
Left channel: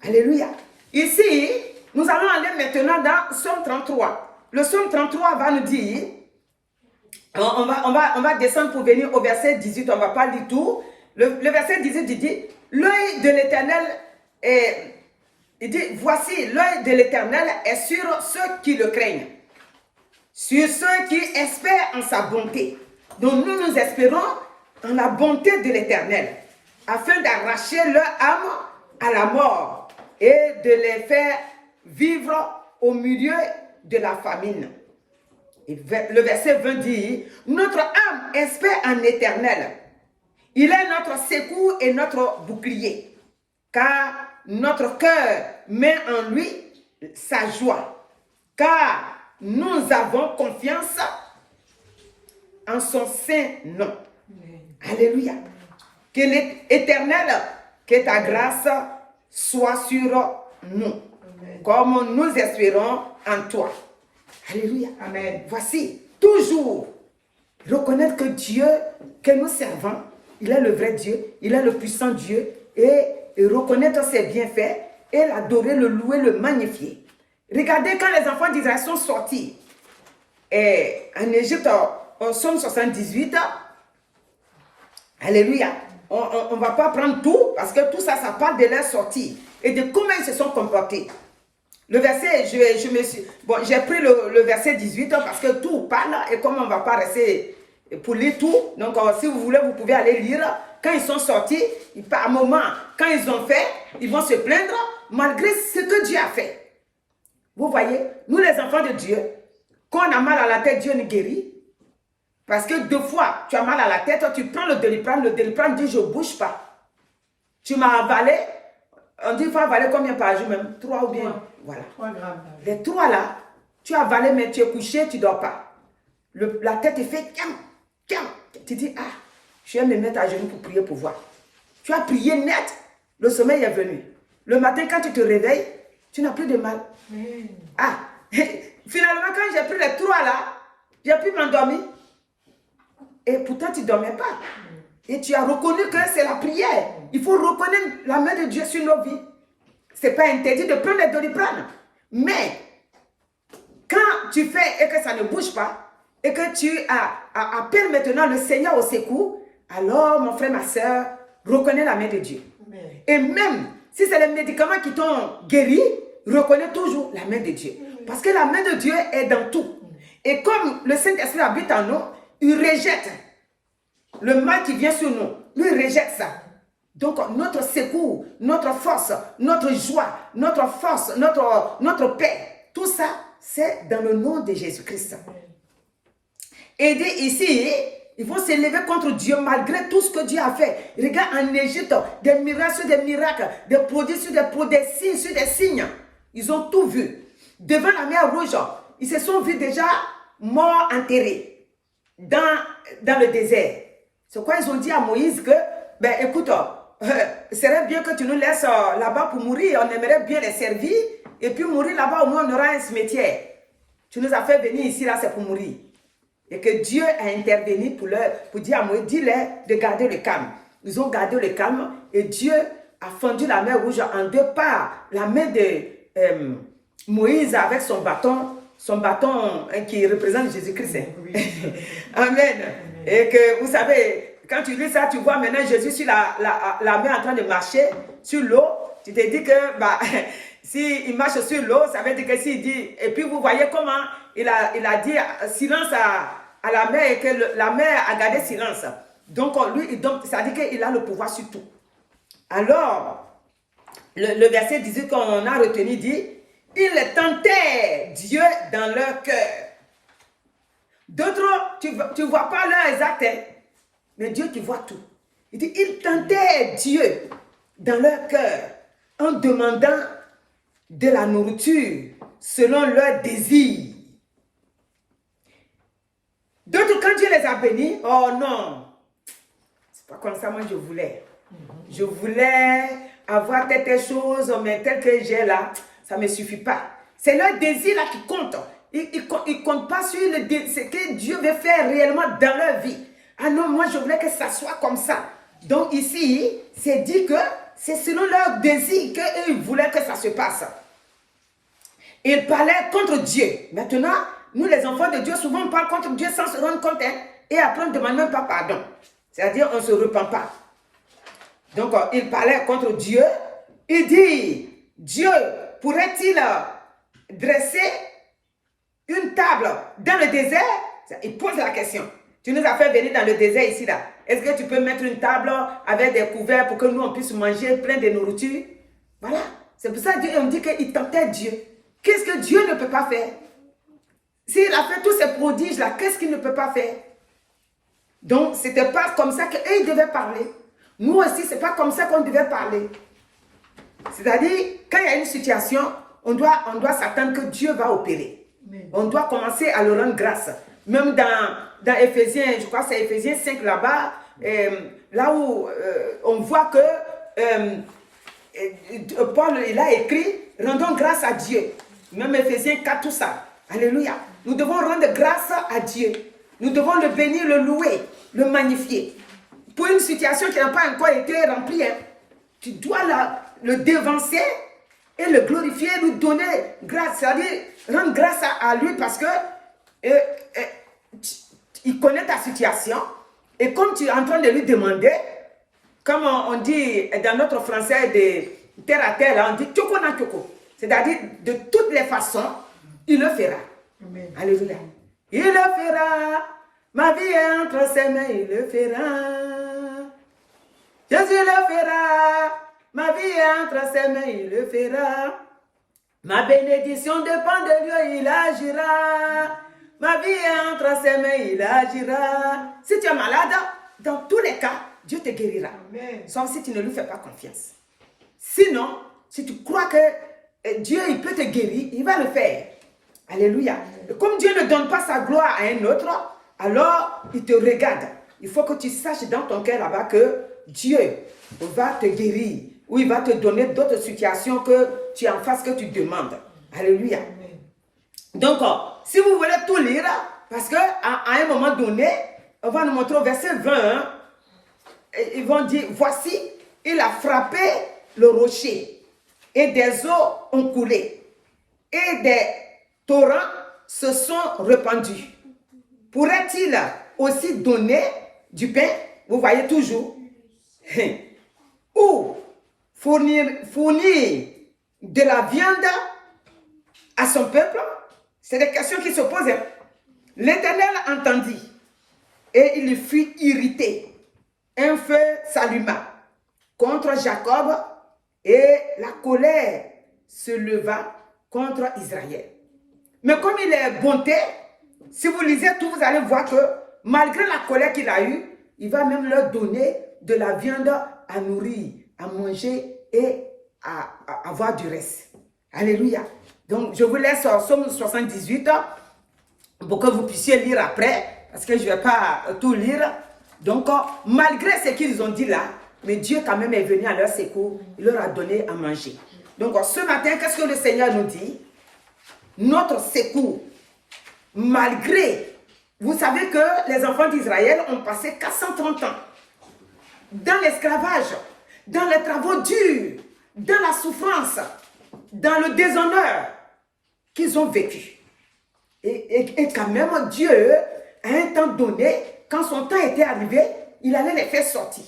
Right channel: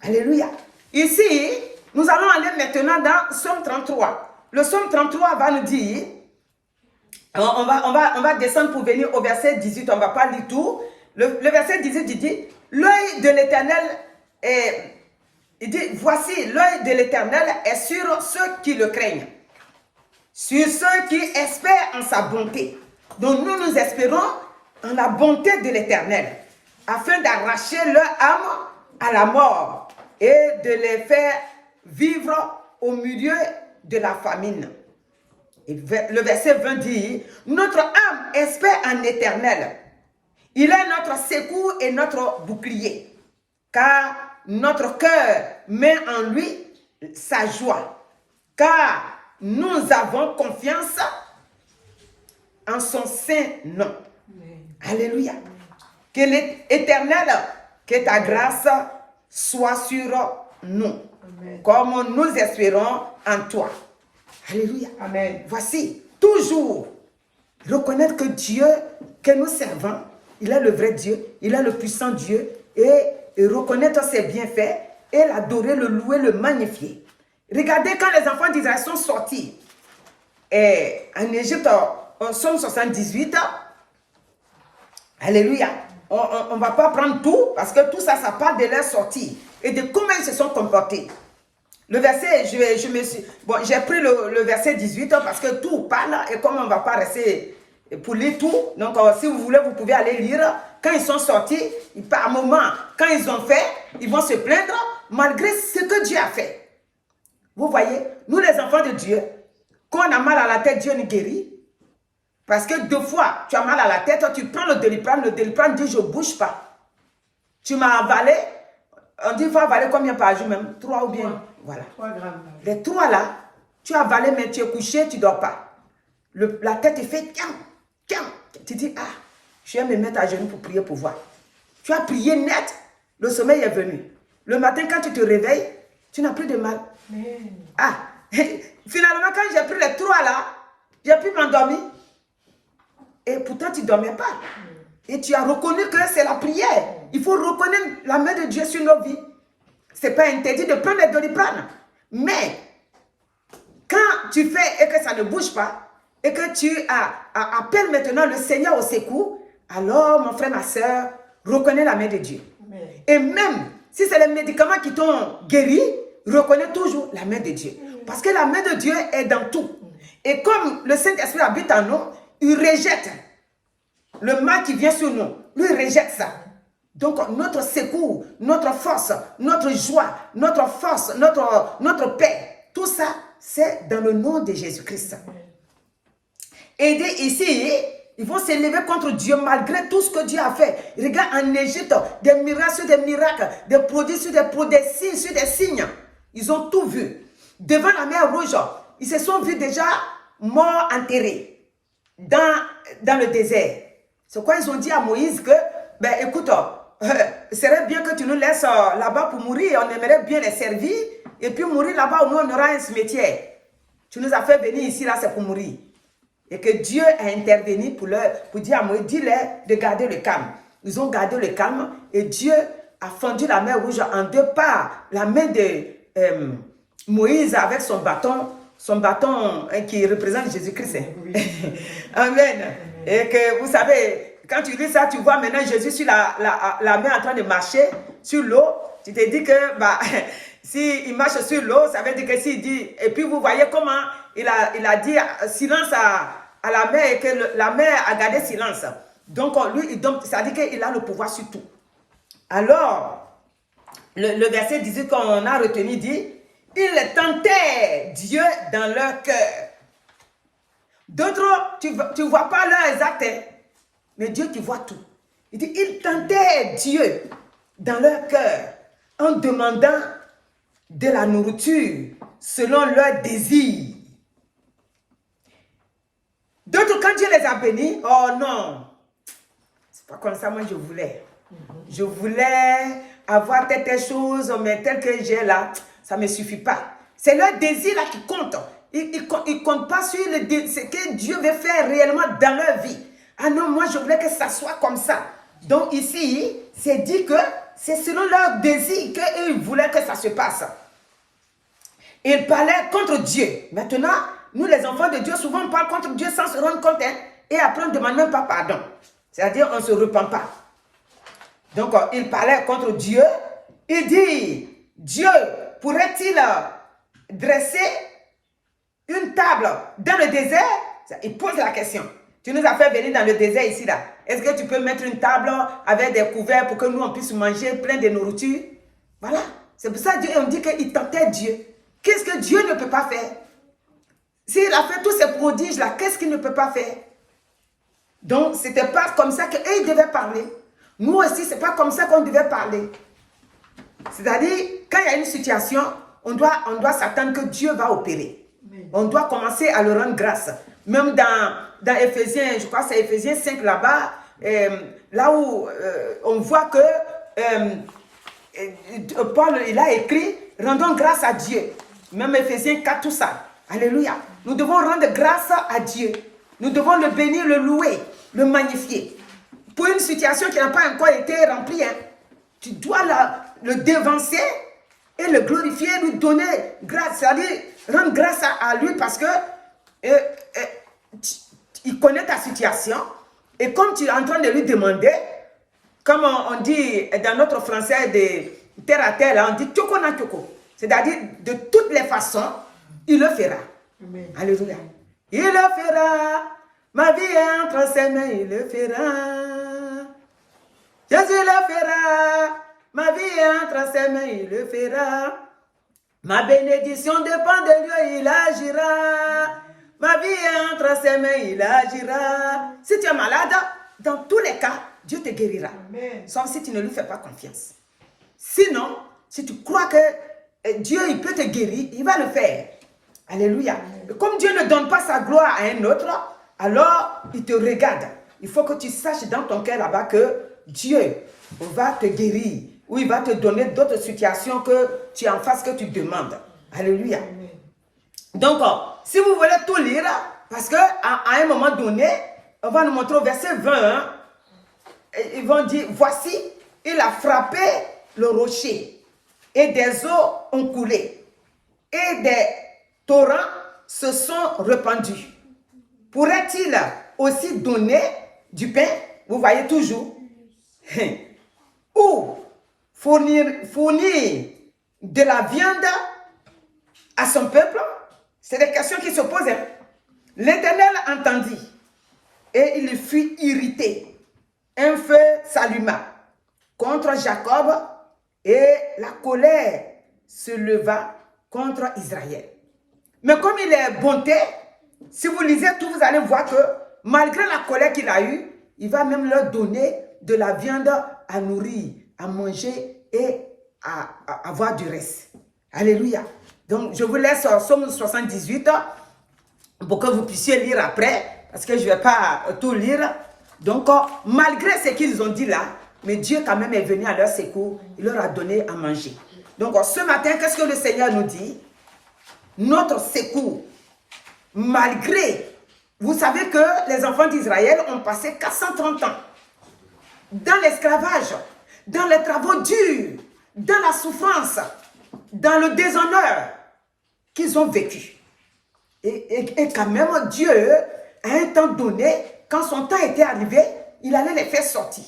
Alléluia. Ici, nous allons aller maintenant dans Psaume 33. Le Psaume 33 va nous dire, on va descendre pour venir au verset 18, on ne va pas lire tout. Le verset 18, il dit, l'œil de l'Éternel est... Il dit, voici, l'œil de l'Éternel est sur ceux qui le craignent, sur ceux qui espèrent en sa bonté. Donc nous espérons en la bonté de l'Éternel, afin d'arracher leur âme à la mort et de les faire vivre au milieu de la famine. Et le verset 20 dit, notre âme espère en l'Éternel. Il est notre secours et notre bouclier, car notre cœur met en lui sa joie, car nous avons confiance en son saint nom. Alléluia. Que l'Éternel, que ta grâce soit sur nous, comme nous espérons en toi. Alléluia. Amen. Voici, toujours reconnaître que Dieu que nous servons, il est le vrai Dieu, il est le puissant Dieu, et reconnaître ses bienfaits et l'adorer, le louer, le magnifier. Regardez quand les enfants d'Israël sont sortis en Égypte, en Psaume 78, alléluia, on ne va pas prendre tout, parce que tout ça, ça parle de leur sortie et de comment ils se sont comportés. Le verset, j'ai pris le verset 18 parce que tout parle, et comme on ne va pas rester pour lire tout, donc si vous voulez, vous pouvez aller lire. Quand ils sont sortis, par moment, quand ils ont fait, ils vont se plaindre malgré ce que Dieu a fait. Vous voyez, nous les enfants de Dieu, quand on a mal à la tête, Dieu nous guérit. Parce que 2 fois, tu as mal à la tête, tu prends le Doliprane dit je ne bouge pas. Tu m'as avalé, on dit il faut avaler combien par jour même? 3 ou bien, voilà. 3 grammes. Les 3 là, tu as avalé mais tu es couché, tu ne dors pas. La tête est fait, tu dis ah. Je vais me mettre à genoux pour prier pour voir. Tu as prié net, le sommeil est venu. Le matin, quand tu te réveilles, tu n'as plus de mal. Ah, finalement, quand j'ai pris les 3 là, j'ai pu m'endormir. Et pourtant, tu ne dormais pas. Et tu as reconnu que c'est la prière. Il faut reconnaître la main de Dieu sur nos vies. Ce n'est pas interdit de prendre les Doliprane. Mais, quand tu fais et que ça ne bouge pas, et que tu appelles maintenant le Seigneur au secours, alors, mon frère, ma soeur, reconnais la main de Dieu. Amen. Et même si c'est les médicaments qui t'ont guéri, reconnais toujours la main de Dieu. Parce que la main de Dieu est dans tout. Et comme le Saint-Esprit habite en nous, il rejette le mal qui vient sur nous. Lui, il rejette ça. Donc, notre secours, notre force, notre joie, notre force, notre paix, tout ça, c'est dans le nom de Jésus-Christ. Et ici, ils vont s'élever contre Dieu malgré tout ce que Dieu a fait. Regarde en Égypte, des miracles sur des miracles, des prodiges sur des signes sur des signes. Ils ont tout vu. Devant la mer Rouge, ils se sont vus déjà morts, enterrés dans le désert. C'est quoi ils ont dit à Moïse que, ben écoute, ce serait bien que tu nous laisses là-bas pour mourir. On aimerait bien les servir. Et puis mourir là-bas, au moins on aura un cimetière. Tu nous as fait venir ici, là, c'est pour mourir. Et que Dieu a intervenu pour dire à Moïse, dis-leur de garder le calme. ils ont gardé le calme et Dieu a fendu la mer Rouge en deux parts. La main de Moïse avec son bâton qui représente Jésus-Christ. Amen. Et que vous savez, quand tu lis ça, tu vois maintenant Jésus sur la mer en train de marcher sur l'eau. Tu te dis que s'il marche sur l'eau, ça veut dire que s'il dit, et puis vous voyez comment il a dit silence à la mer et que la mer a gardé silence. Donc lui, ça dit qu'il a le pouvoir sur tout. Alors, le verset 18 qu'on a retenu dit, ils tentaient Dieu dans leur cœur. D'autres, tu ne vois pas leurs actes, hein, mais Dieu qui voit tout. Il dit, ils tentaient Dieu dans leur cœur en demandant de la nourriture selon leur désir. D'autres, quand Dieu les a bénis, oh non, c'est pas comme ça, moi je voulais. Je voulais avoir telle chose, mais tel que j'ai là, ça ne me suffit pas. C'est leur désir là qui compte. Ils ne comptent pas sur ce que Dieu veut faire réellement dans leur vie. Ah non, moi je voulais que ça soit comme ça. Donc ici, c'est dit que c'est selon leur désir qu'eux voulaient que ça se passe. Ils parlaient contre Dieu. Maintenant, nous les enfants de Dieu, souvent on parle contre Dieu sans se rendre compte, hein, et après on ne demande même pas pardon. C'est-à-dire on ne se repent pas. Donc ils parlaient contre Dieu. Il dit, Dieu pourrait-il dresser une table dans le désert? Il pose la question. Tu nous as fait venir dans le désert ici là. Est-ce que tu peux mettre une table avec des couverts pour que nous on puisse manger plein de nourriture? Voilà. C'est pour ça qu'on dit qu'il tentait Dieu. Qu'est-ce que Dieu ne peut pas faire? S'il a fait tous ces prodiges là, qu'est-ce qu'il ne peut pas faire? Donc c'était pas comme ça qu'eux ils devaient parler. Nous aussi, c'est pas comme ça qu'on devait parler. C'est-à-dire, quand il y a une situation, on doit s'attendre que Dieu va opérer. On doit commencer à le rendre grâce. Même dans Éphésiens, je crois que c'est Éphésiens 5 là-bas, là où on voit que Paul il a écrit, rendons grâce à Dieu. Même Éphésiens 4, tout ça. Alléluia. Nous devons rendre grâce à Dieu. Nous devons le bénir, le louer, le magnifier. Pour une situation qui n'a pas encore été remplie, hein, tu dois le dévancer et le glorifier, lui donner grâce, c'est-à-dire rendre grâce à lui parce que il connaît ta situation et comme tu es en train de lui demander, comme on dit dans notre français de terre à terre, on dit tchoko na tchoko, c'est-à-dire de toutes les façons, il le fera. Amen. Alléluia. Il le fera, ma vie est entre ses mains, il le fera. Jésus le fera, ma vie est entre ses mains, il le fera. Ma bénédiction dépend de Dieu, il agira. Ma vie est entre ses mains, il agira. Si tu es malade, dans tous les cas, Dieu te guérira. Amen. Sauf si tu ne lui fais pas confiance. Sinon, si tu crois que Dieu il peut te guérir, il va le faire. Alléluia. Et comme Dieu ne donne pas sa gloire à un autre, alors il te regarde. Il faut que tu saches dans ton cœur là-bas que Dieu va te guérir ou il va te donner d'autres situations que tu es en face que tu demandes. Alléluia. Donc, si vous voulez tout lire, parce qu'à un moment donné, on va nous montrer au verset 20, ils vont dire, voici, il a frappé le rocher et des eaux ont coulé et des torrents se sont répandus. Pourrait-il aussi donner du pain? Vous voyez toujours. Ou fournir de la viande à son peuple? C'est des questions qui se posent. L'Éternel entendit et il fut irrité. Un feu s'alluma contre Jacob et la colère se leva contre Israël. Mais comme il est bonté, si vous lisez tout, vous allez voir que malgré la colère qu'il a eue, il va même leur donner de la viande à nourrir, à manger et à avoir du reste. Alléluia. Donc, je vous laisse Somme 78 pour que vous puissiez lire après, parce que je ne vais pas tout lire. Donc, malgré ce qu'ils ont dit là, mais Dieu quand même est venu à leur secours, il leur a donné à manger. Donc, ce matin, qu'est-ce que le Seigneur nous dit? Notre secours, malgré, vous savez que les enfants d'Israël ont passé 430 ans dans l'esclavage, dans les travaux durs, dans la souffrance, dans le déshonneur qu'ils ont vécu. Et quand même, Dieu, à un temps donné, quand son temps était arrivé, il allait les faire sortir.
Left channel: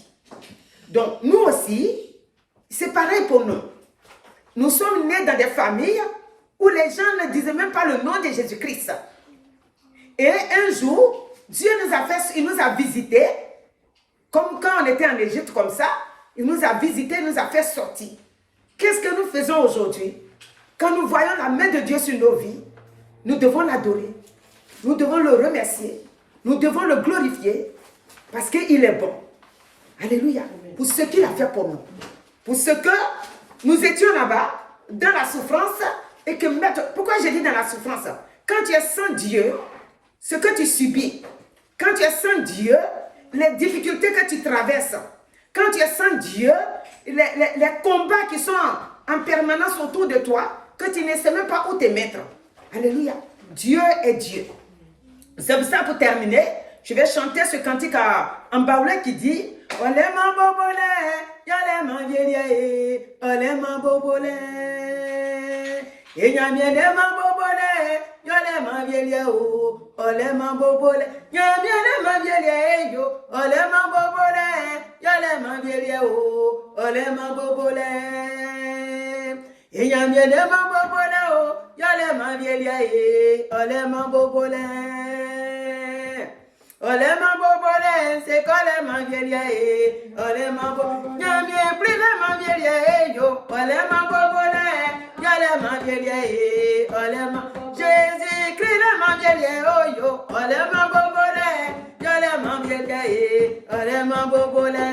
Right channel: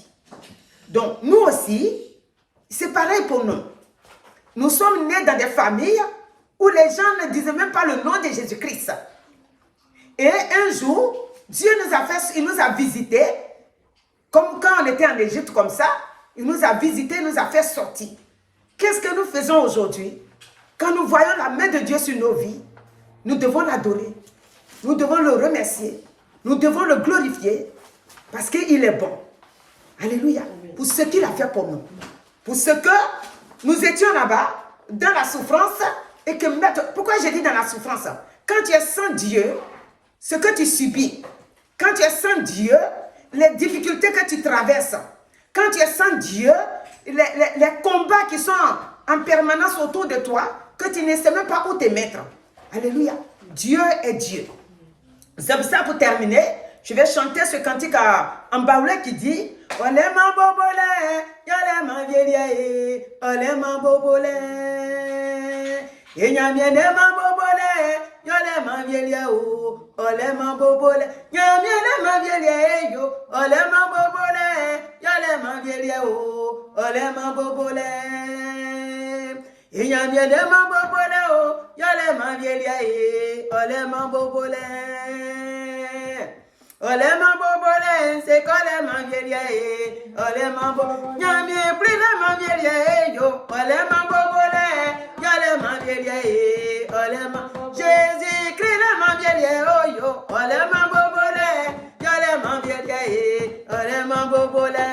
Donc, nous aussi, c'est pareil pour nous. Nous sommes nés dans des familles où les gens ne disaient même pas le nom de Jésus-Christ. Et un jour, Dieu il nous a visités, comme quand on était en Égypte comme ça, il nous a visités, il nous a fait sortir. Qu'est-ce que nous faisons aujourd'hui? Quand nous voyons la main de Dieu sur nos vies, nous devons l'adorer, nous devons le remercier, nous devons le glorifier, parce qu'il est bon. Alléluia. Pour ce qu'il a fait pour nous. Pour ce que nous étions là-bas, dans la souffrance, et que maintenant, pourquoi je dis dans la souffrance? Quand tu es sans Dieu, ce que tu subis, quand tu es sans Dieu, les difficultés que tu traverses, quand tu es sans Dieu, les combats qui sont en permanence autour de toi, que tu ne sais même pas où te mettre. Alléluia. Dieu est Dieu. C'est pour ça, pour terminer, je vais chanter ce cantique en baoulé qui dit Olé ma bobole, yale ma vieille, olé ma bobole. Et y'a bien ma bobole, yale ma vieille, olé ma bobole. Y'a bien ma vieille, olé ma bobole, yale ma vieille, olé ma bobole. Et y'a bien ma bobole, yale ma vieille, olé ma bobole. Olé ma bobole, c'est collé ma vieille, olé ma bobole, y'a bien pris ma vieille, yo, olé ma bobole, y'a ma vieille, olé ma, Jésus-Christ ma vieille, oh yo, olé ma bobole, y'a ma vieille, olé ma bobole,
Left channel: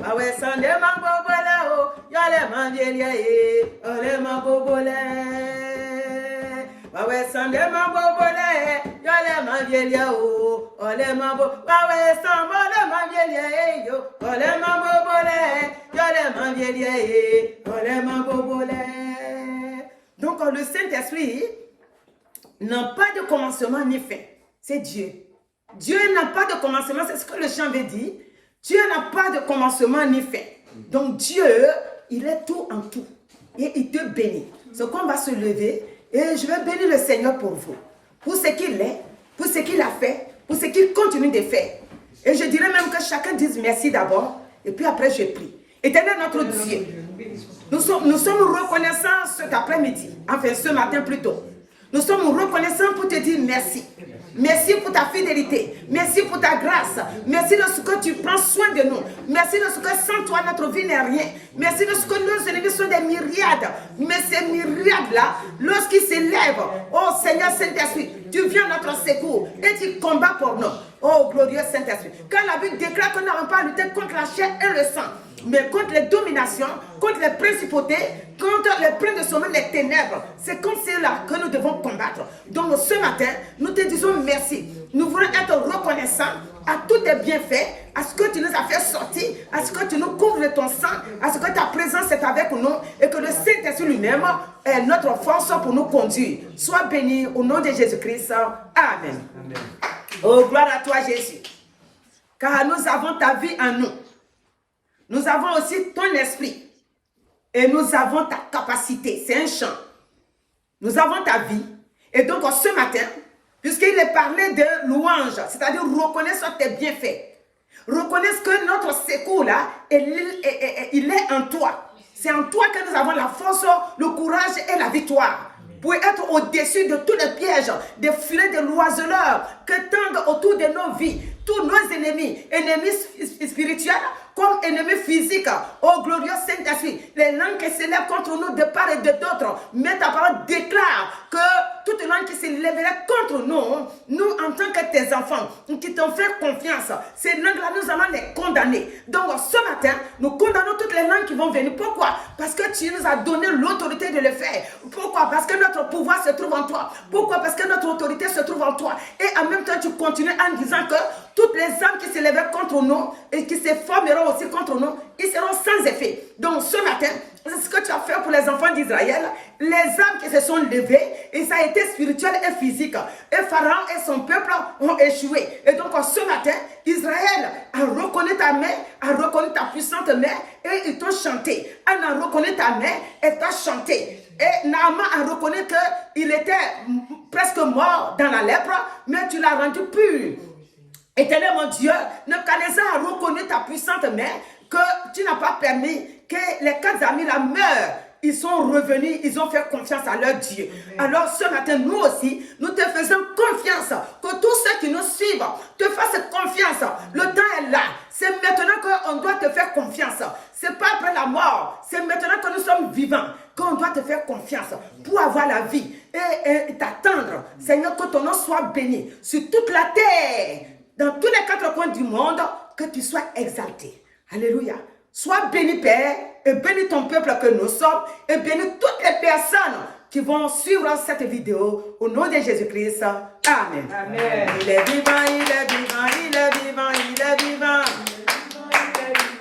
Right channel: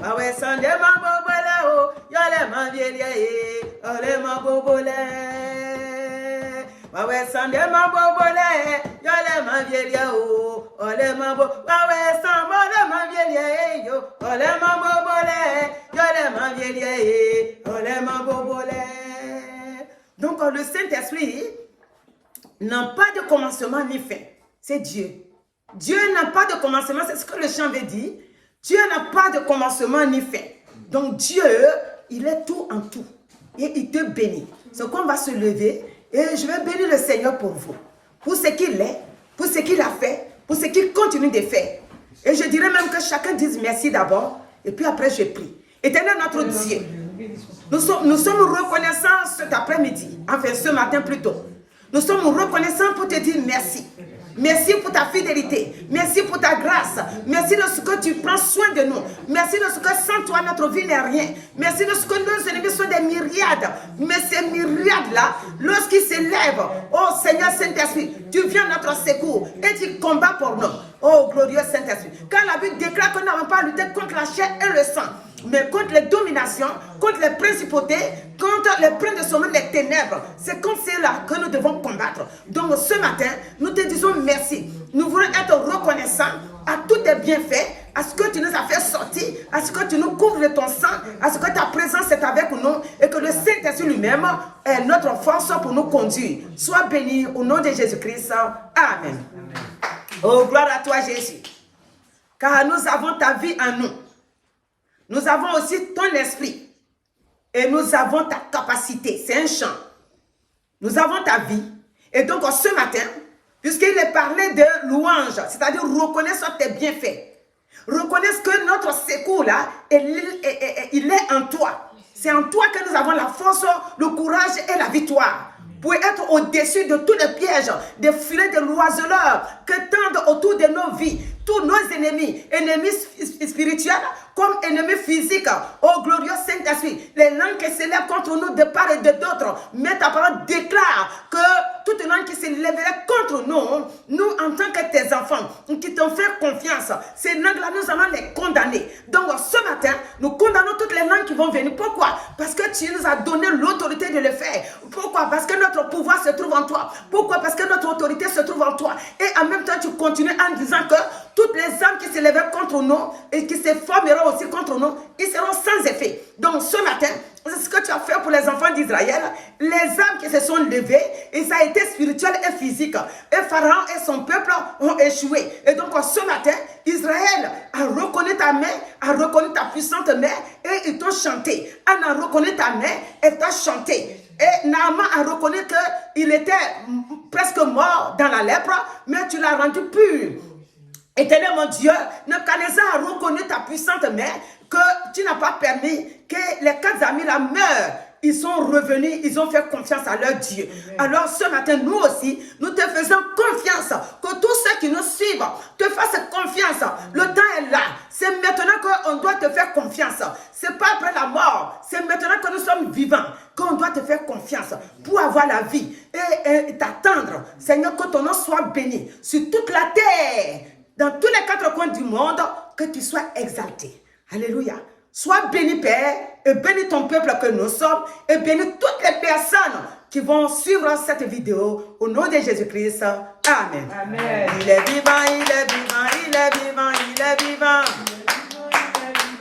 ma ouais sande ma bobole, oh, y'a ma vieille, olé ma bobole. Wawe sande ma bobole, yole ma vieille o, ole ma bo. Wawe sambole ma vieille yo, ole ma bobole, yole ma vieille, ole ma bobole. Donc le Saint-Esprit n'a pas de commencement ni fin. C'est Dieu. Dieu n'a pas de commencement, c'est ce que le chant veut dire. Dieu n'a pas de commencement ni fin. Donc Dieu, il est tout en tout. Et il te bénit. C'est qu'on va se lever. Et je vais bénir le Seigneur pour vous, pour ce qu'il est, pour ce qu'il a fait, pour ce qu'il continue de faire. Et je dirais même que chacun dise merci d'abord, et puis après je prie. Éternel notre Dieu, nous sommes reconnaissants cet après-midi, enfin ce matin plutôt. Nous sommes reconnaissants pour te dire merci. Merci pour ta fidélité. Merci pour ta grâce. Merci de ce que tu prends soin de nous. Merci de ce que sans toi, notre vie n'est rien. Merci de ce que nos ennemis sont des myriades. Mais ces myriades-là, lorsqu'ils s'élèvent, oh Seigneur Saint-Esprit, tu viens à notre secours et tu combats pour nous. Oh glorieux Saint-Esprit. Quand la Bible déclare que nous n'avons pas à lutter contre la chair et le sang, mais contre les dominations, contre les principautés, contre les princes de sommeil, les ténèbres. C'est comme cela que nous devons combattre. Donc ce matin, nous te disons merci. Nous voulons être reconnaissants à tous tes bienfaits, à ce que tu nous as fait sortir, à ce que tu nous couvres de ton sang, à ce que ta présence est avec nous et que le Saint-Esprit lui-même est notre force pour nous conduire. Sois béni au nom de Jésus-Christ. Amen. Oh, gloire à toi Jésus. Car nous avons ta vie en nous. Nous avons aussi ton esprit et nous avons ta capacité. C'est un chant. Nous avons ta vie. Et donc ce matin, puisqu'il est parlé de louange, c'est-à-dire reconnaître tes bienfaits, reconnaître que notre secours là, il est en toi. C'est en toi que nous avons la force, le courage et la victoire. Pour être au-dessus de tous les pièges, des filets de l'oiseleur que tendent autour de nos vies, tous nos ennemis, ennemis spirituels comme ennemis physiques. Oh glorieux Saint-Esprit, les langues qui s'élèvent contre nous de part et de d'autres, mais ta parole déclare que toute langue qui s'élèverait contre nous, nous en tant que tes enfants, qui t'ont fait confiance, ces langues-là, nous allons les condamner. Donc ce matin, nous condamnons toutes les langues qui vont venir. Pourquoi? Parce que tu nous as donné l'autorité de le faire. Pourquoi? Parce que notre pouvoir se trouve en toi. Pourquoi? Parce que notre autorité se trouve en toi. Et en même temps, tu continues en disant que toutes les âmes qui s'élèvent contre nous et qui se formeront aussi contre nous, ils seront sans effet. Donc ce matin, c'est ce que tu as fait pour les enfants d'Israël. Les âmes qui se sont levées, et ça a été spirituel et physique. Et Pharaon et son peuple ont échoué. Et donc ce matin, Israël a reconnu ta main, a reconnu ta puissante main, et ils t'ont chanté. Anna a reconnu ta main et t'a chanté. Et Naaman a reconnu qu'il était presque mort dans la lèpre, mais tu l'as rendu pur. Éternel mon Dieu, Nebuchadnezzar a reconnu ta puissante main, que tu n'as pas permis que les 4 amis la meurent. Ils sont revenus, ils ont fait confiance à leur Dieu. Alors ce matin, nous aussi, nous te faisons confiance. Que tous ceux qui nous suivent te fassent confiance. Le temps est là. C'est maintenant qu'on doit te faire confiance. Ce n'est pas après la mort. C'est maintenant que nous sommes vivants qu'on doit te faire confiance pour avoir la vie et t'attendre. Seigneur, que ton nom soit béni sur toute la terre, dans tous les 4 coins du monde, que tu sois exalté. Alléluia. Sois béni, Père, et bénis ton peuple que nous sommes, et bénis toutes les personnes qui vont suivre cette vidéo au nom de Jésus-Christ. Amen. Amen. Il est vivant, il est vivant, il est vivant, il est vivant.